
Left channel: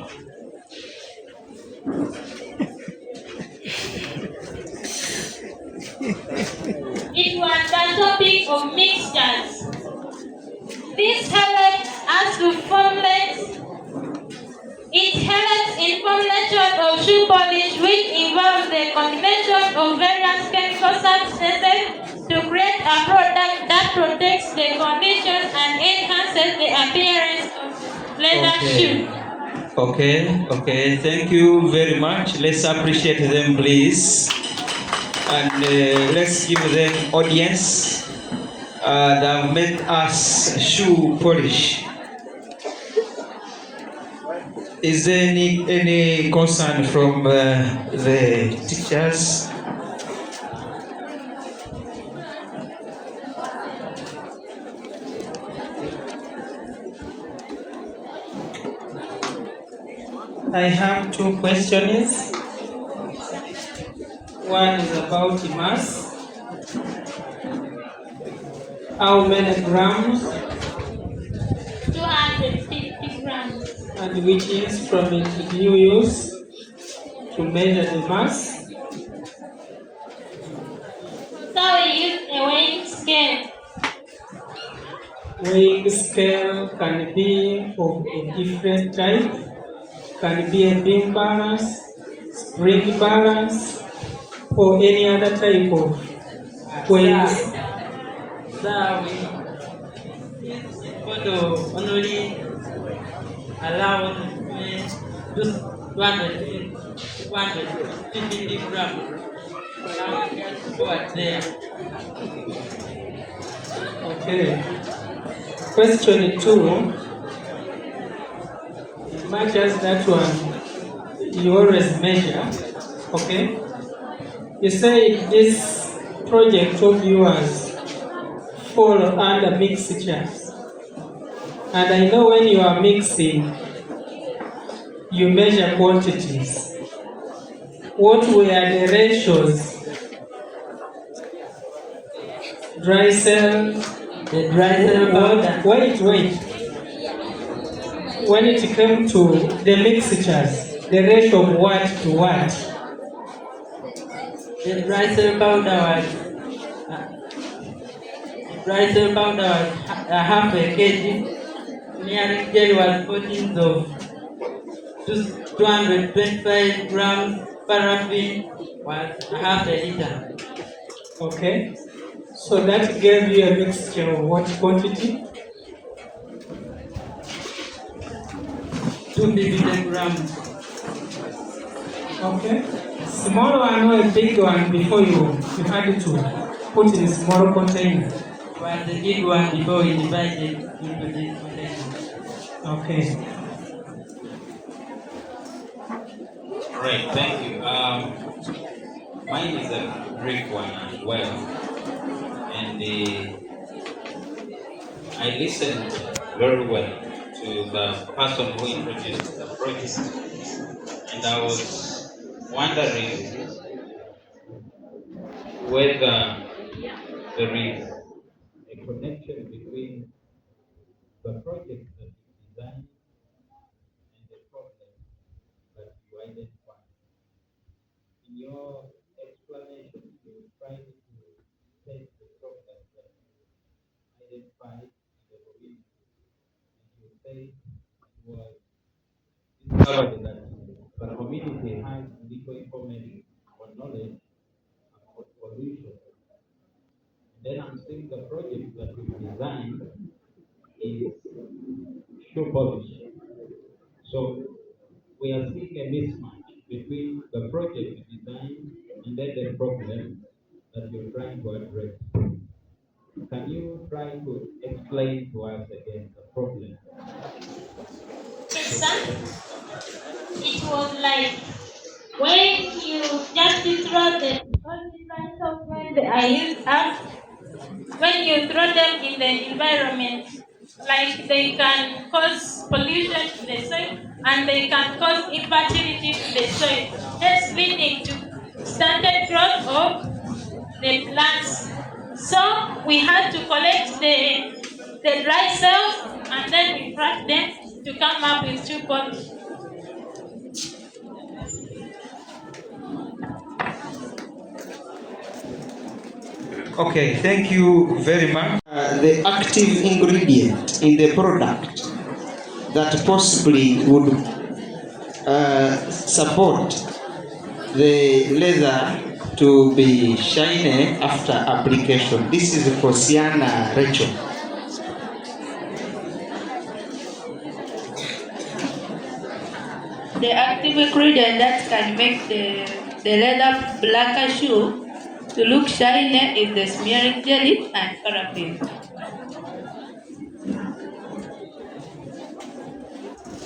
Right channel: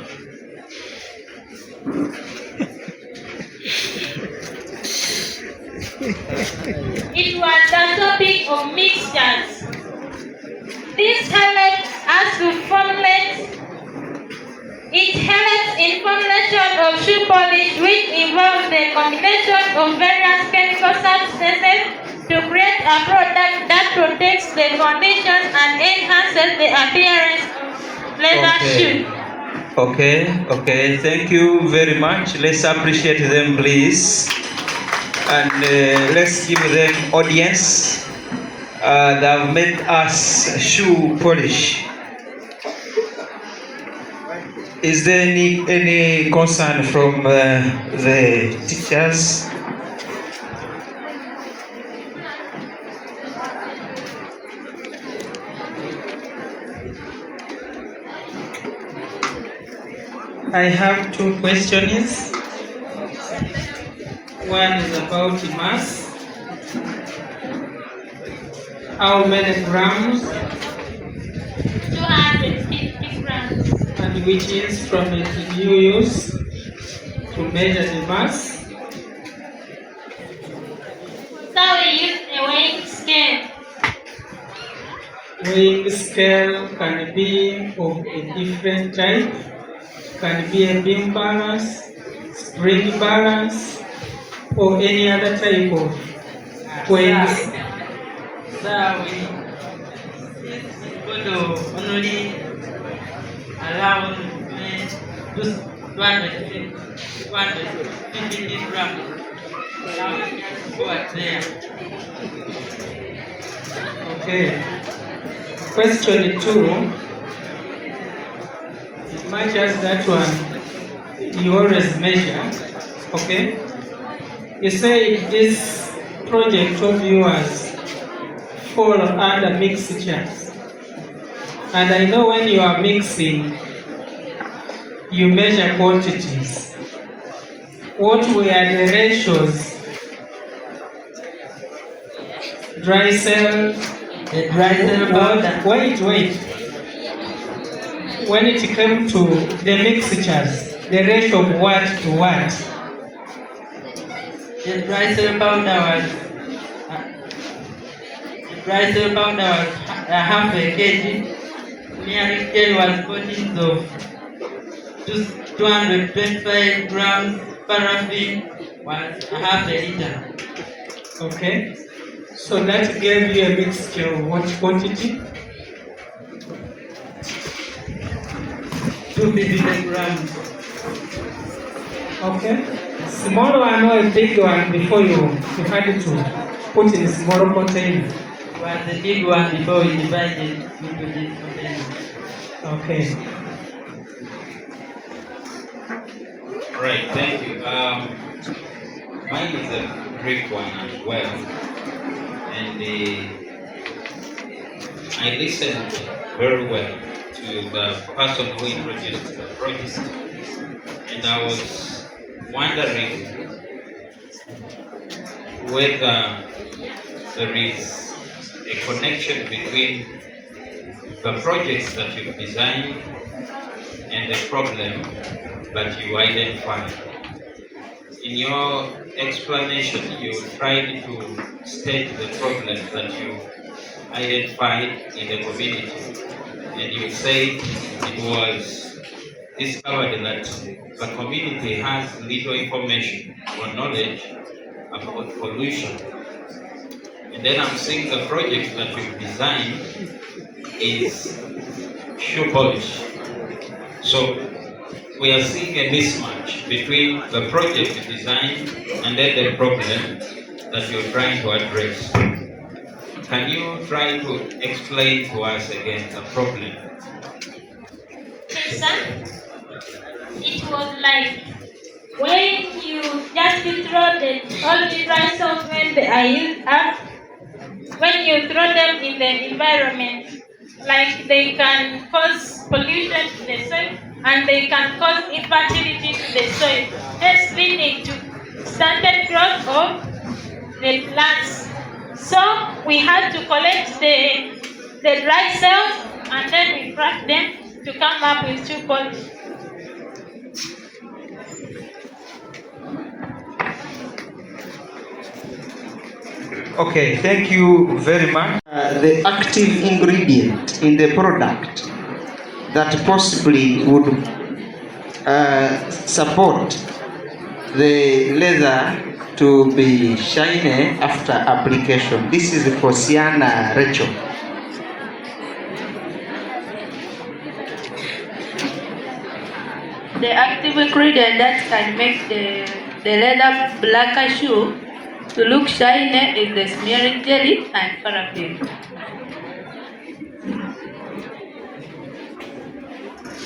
it was the topic of mixtures. This helped us to formulate. It helps in formulation of shoe polish, which involves the combination of various chemical substances to create a product that protects the condition and enhances the appearance of leather shoe. Okay, thank you very much. Let's appreciate them, please. And let's give them audience that made us shoe polish. Is there any concern from the teachers? I have 2 questions. One is about mass. How many grams? 250 grams. And which instrument did you use to measure the mass? So we used a weighing scale. Weighing scale can be of a different type. Can be a beam balance, spring balance, or any other type of weighing. So we going to only allow me just 250 grams. Now we can go at there. Okay. Question 2. Much as that one, you always measure, okay? You say this project of yours fall under mixtures. And I know when you are mixing, you measure quantities. What were the ratios? Dry cell, the dry cell powder. Wait. When it came to the mixtures, the ratio of what to what? The dry cell powder was half a kg. Nearing gel was 14 of 225 grams. Paraffin was half a liter. Okay. So that gave you a mixture of what quantity? 250 grams. Okay. Small one or a big one before you had to put in a small container? Was the big one before we divided into this container. Okay. Right, thank you. Mine is a brick one as well. And I listened very well to the person who introduced the project, and I was wondering whether there is a connection between the projects that you've designed and the problem that you identified. In your explanation, you tried to state the problem that you identified in the community. And you said it was discovered that the community has little information or knowledge about pollution. And then I'm seeing the project that you've designed is shoe polish. So we are seeing a mismatch between the project design and then the problem that you're trying to address. Can you try to explain to us again the problem? lesson, it was like when you just throw all the dry cells when they are used up, when you throw them in the environment, like they can cause pollution to the soil and they can cause infertility to the soil, that's leading to stunted growth of the plants. So we had to collect the dry cells and then we crack them to come up with two pods. Okay, thank you very much. The active ingredient in the product that possibly would support the leather to be shiny after application. This is Kosiana Rachel. The active ingredient that can make the leather blacker shoe to look shiny is the smearing jelly and paraffin.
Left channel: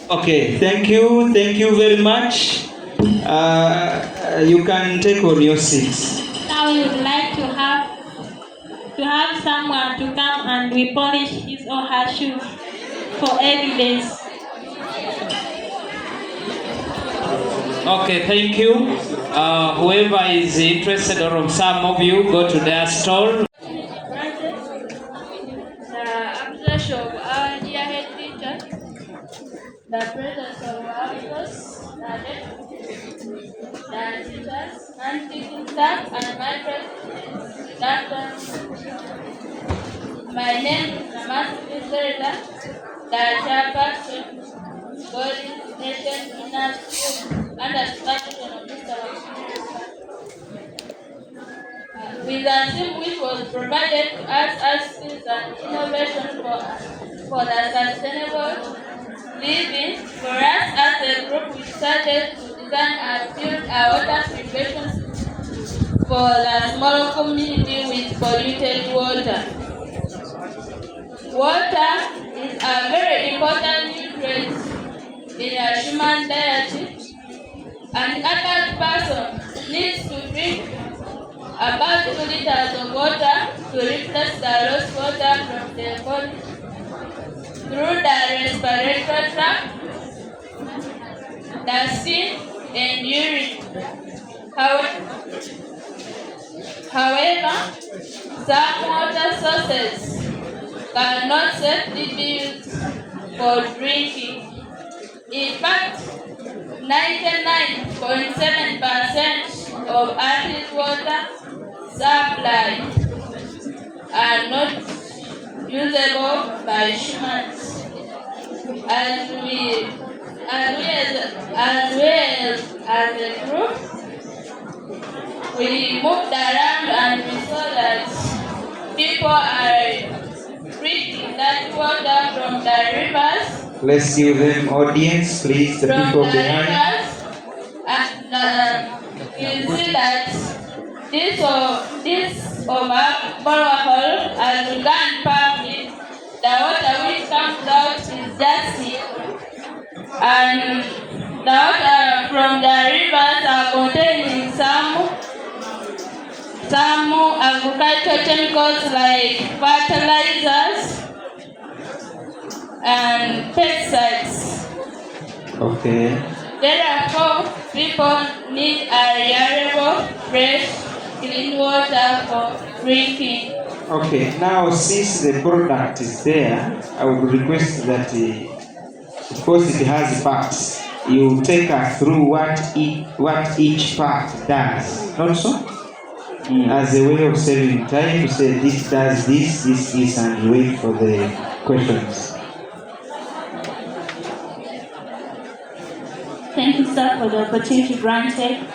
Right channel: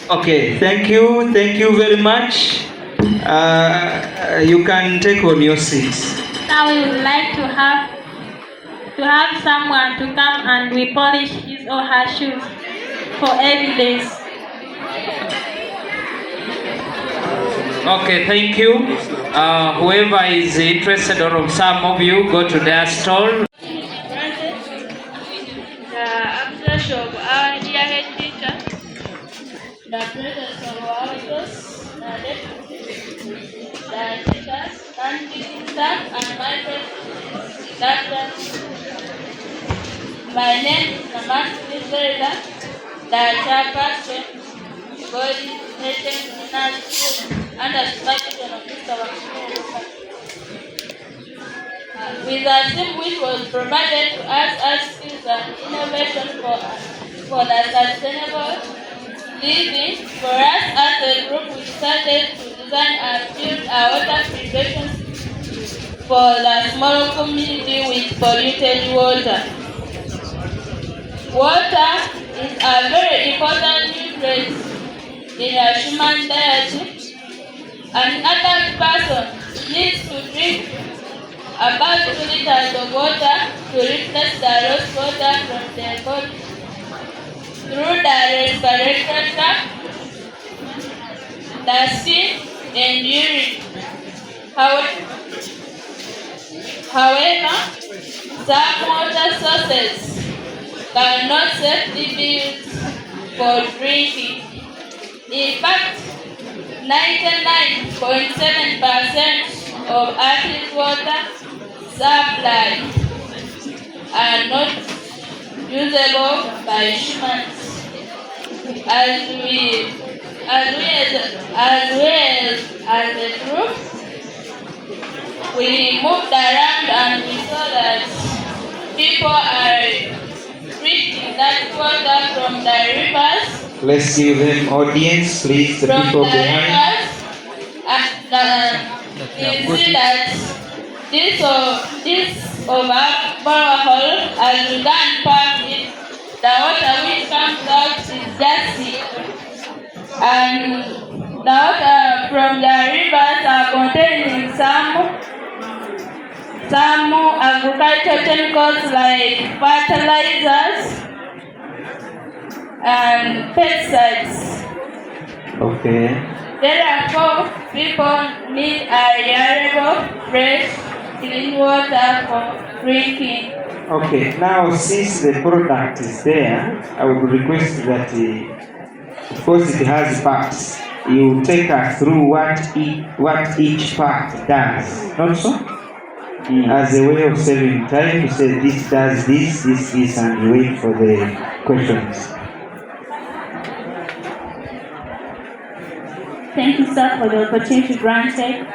Okay, thank you very much. You can take on your seats. Now we would like to have someone to come and we polish his or her shoes for evidence. Okay, thank you. Whoever is interested, or some of you, go to their stall. The absence of our dear head teacher, the presence of our boss, the deputy, the teachers, and teaching staff, and my friends, doctors. My name is Master Zerda, the chairperson, body, nation, and the supervision of Mr. With a team which was provided to us as skills and innovation for the sustainable living. For us as a group, we started to design and build a water filtration for the small community with polluted water. Water is a very important nutrient in a human diet. An adult person needs to drink about 2 liters of water to replace the lost water from the body through the respiratory tract, the skin, and urine. However, some water sources cannot safely be used for drinking. In fact, 99.7% of Earth's water supply are not usable by humans. As a group, we moved around and we saw that people are drinking that water from the rivers. Let's give them audience, please, the people behind. And you see that this borehole has begun pumping. The water which comes out is dusty, and the water from the rivers are containing some agricultural chemicals like fertilizers and pesticides. Okay. Therefore, people need a reliable, fresh, clean water for drinking. Okay, now since the product is there, I would request that, because it has parts, you take us through what each part does. Not so? As a way of saving time, you say this does this, and wait for the questions. Thank you, sir, for the opportunity granted.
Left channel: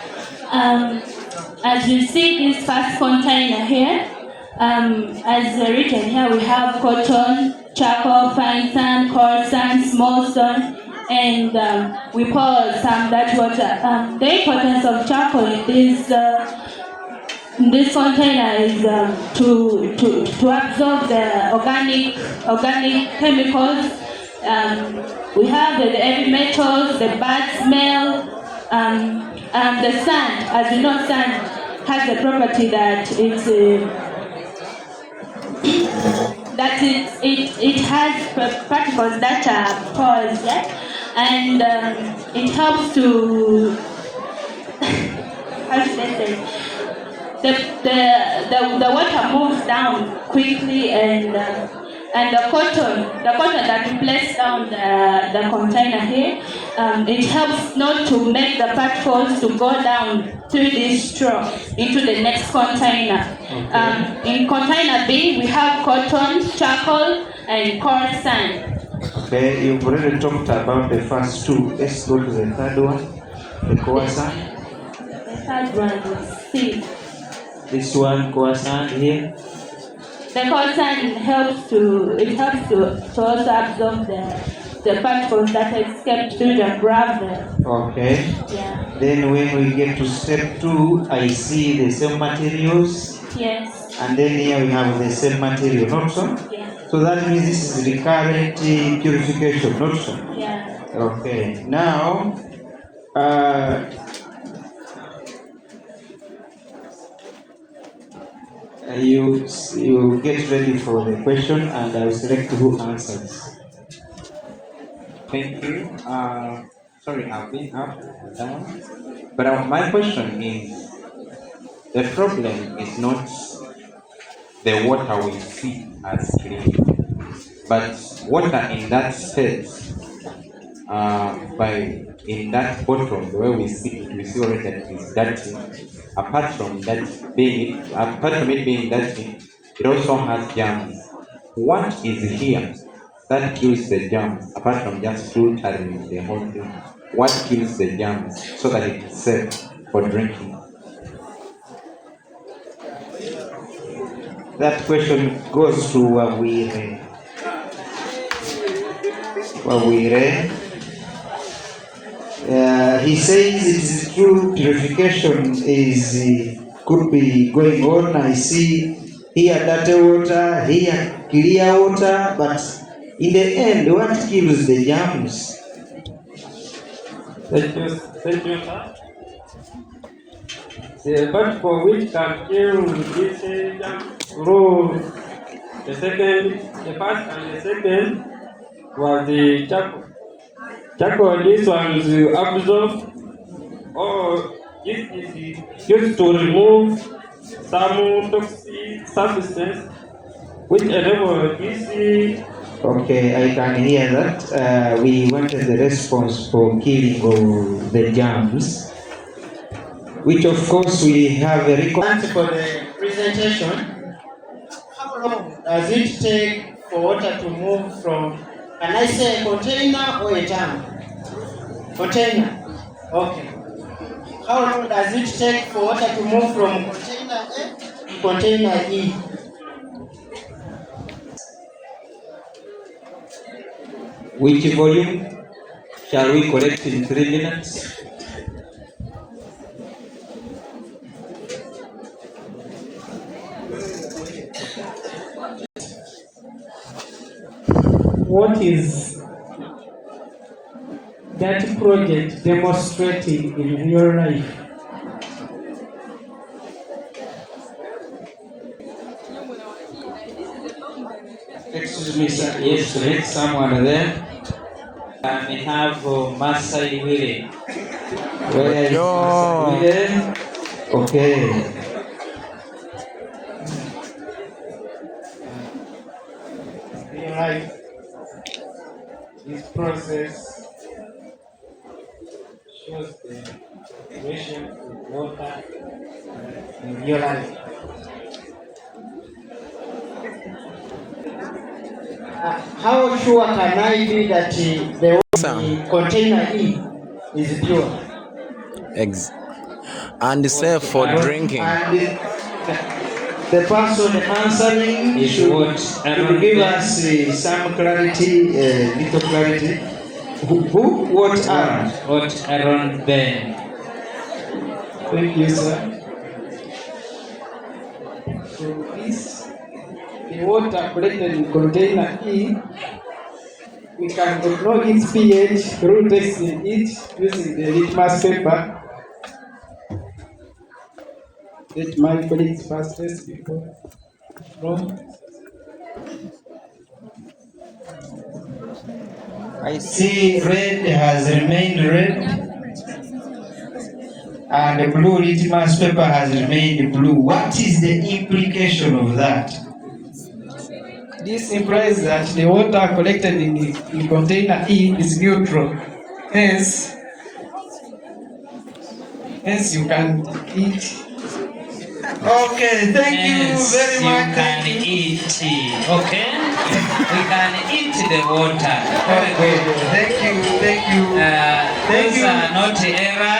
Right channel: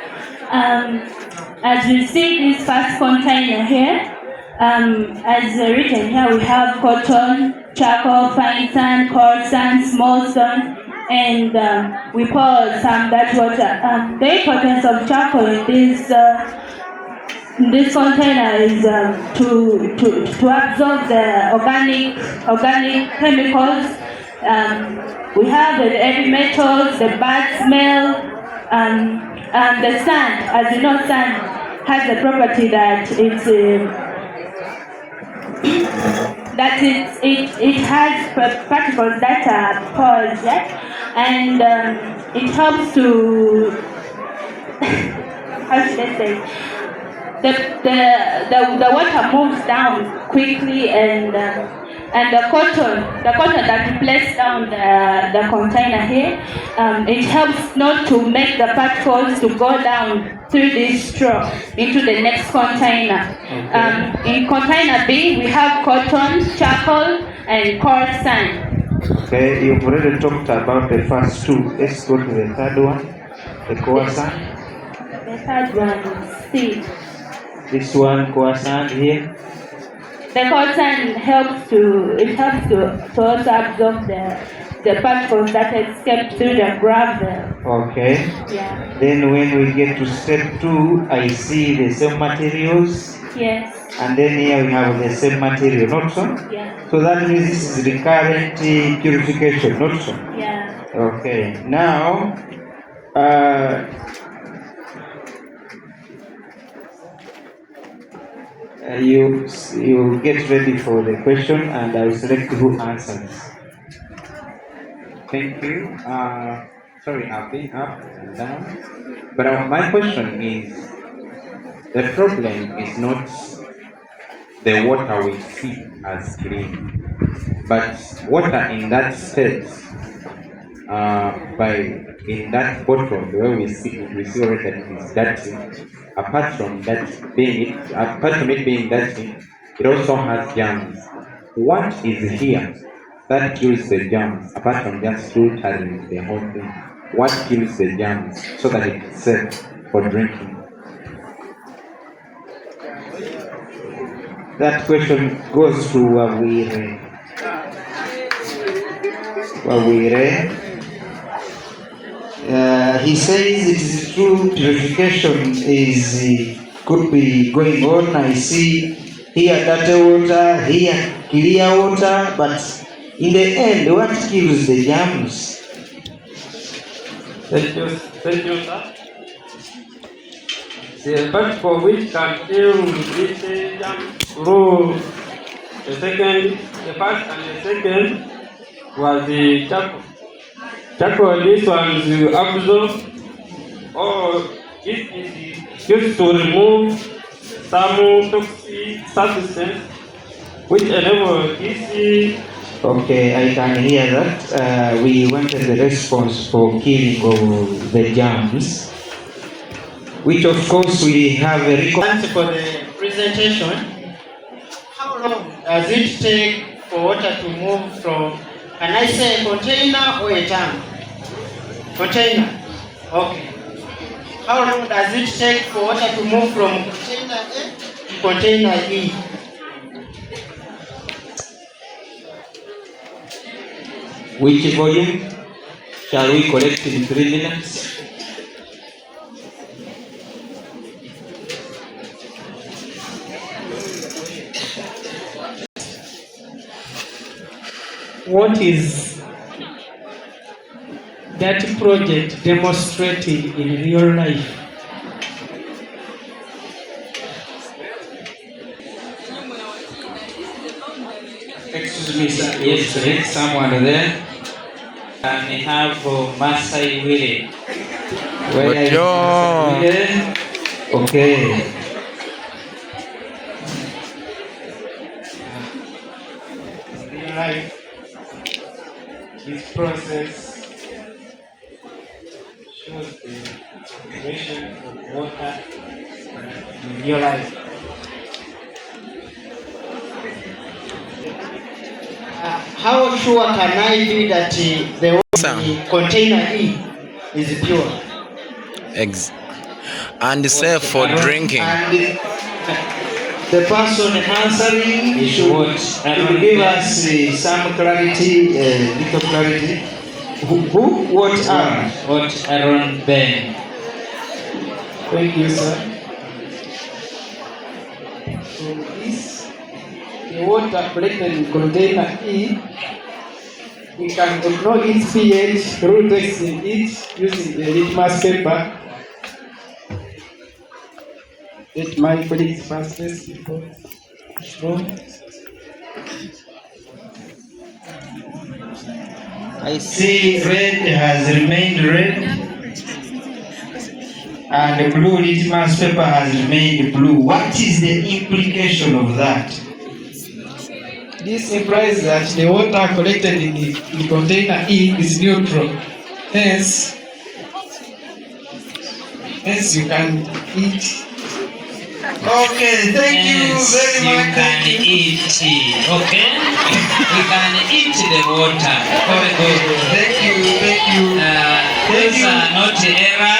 As you see this first container here, as written here, we have cotton, charcoal, fine sand, coarse sand, small stone, and we pour some that water. The importance of charcoal in this container is to absorb the organic chemicals We have the heavy metals, the bad smell, and the sand. As you know, sand has the property that it has particles that are porous, yeah? And it helps to how should I say? The water moves down quickly, and the cotton that we place down the container here, it helps not to make the particles to go down through this straw into the next container. In container B, we have cotton, charcoal, and coarse sand. Okay, you've already talked about the first two. Let's go to the third one, the coarse sand. The third one is seed. This one, coarse sand here. The coarse sand helps to also absorb the particles that escape through the gravel. Okay. Yeah. Then when we get to step 2, I see the same materials. Yes. And then here we have the same material, not so? Yeah. So that means this is recurrent purification, not so? Yeah. Okay. Now, you get ready for the question, and I will select who answers. Thank you. Sorry, I've been up and down. But my question is, the problem is not the water we see as clean, but water in that state, in that bottle, the way we see already that it is dirty. Apart from it being dirty, it also has germs. What is here that kills the germs, apart from just filtering the whole thing? What kills the germs so that it's safe for drinking? That question goes to Wawire. He says it is true, purification could be going on. I see here dirty water, here clear water, but in the end, what kills the germs? Thank you, sir. The particle which can kill this germ through the first and the second was the charcoal. Charcoal, this one is absorb, or it is used to remove some toxic substances which enable this. Okay, I can hear that. We wanted the response for killing of the germs, which of course we have a record for the presentation. How long does it take for water to move from, can I say a container or a tank? Container. Okay. How long does it take for water to move from container A to container E? Which volume shall we collect in 3 minutes? What is that project demonstrating in real life? Excuse me, sir. Yes, there is someone there. And we have Masai Wile. Where is Masai Wile? Okay. In life, this process shows the integration of water in your life. How sure can I be that the water in container E is pure? And safe for drinking. And the person answering should give us some clarity, little clarity. Who? What are? What Aaron Ben. Thank you, sir. So this, the water collected in container E we can know its pH through testing it using the litmus paper. Let my colleagues first test before. I see red has remained red, and the blue litmus paper has remained blue. What is the implication of that? This implies that the water collected in the container E is neutral. Hence you can eat. Okay, thank you very much. You can eat, okay? We can eat the water. Very good. Thank you. Those are not error.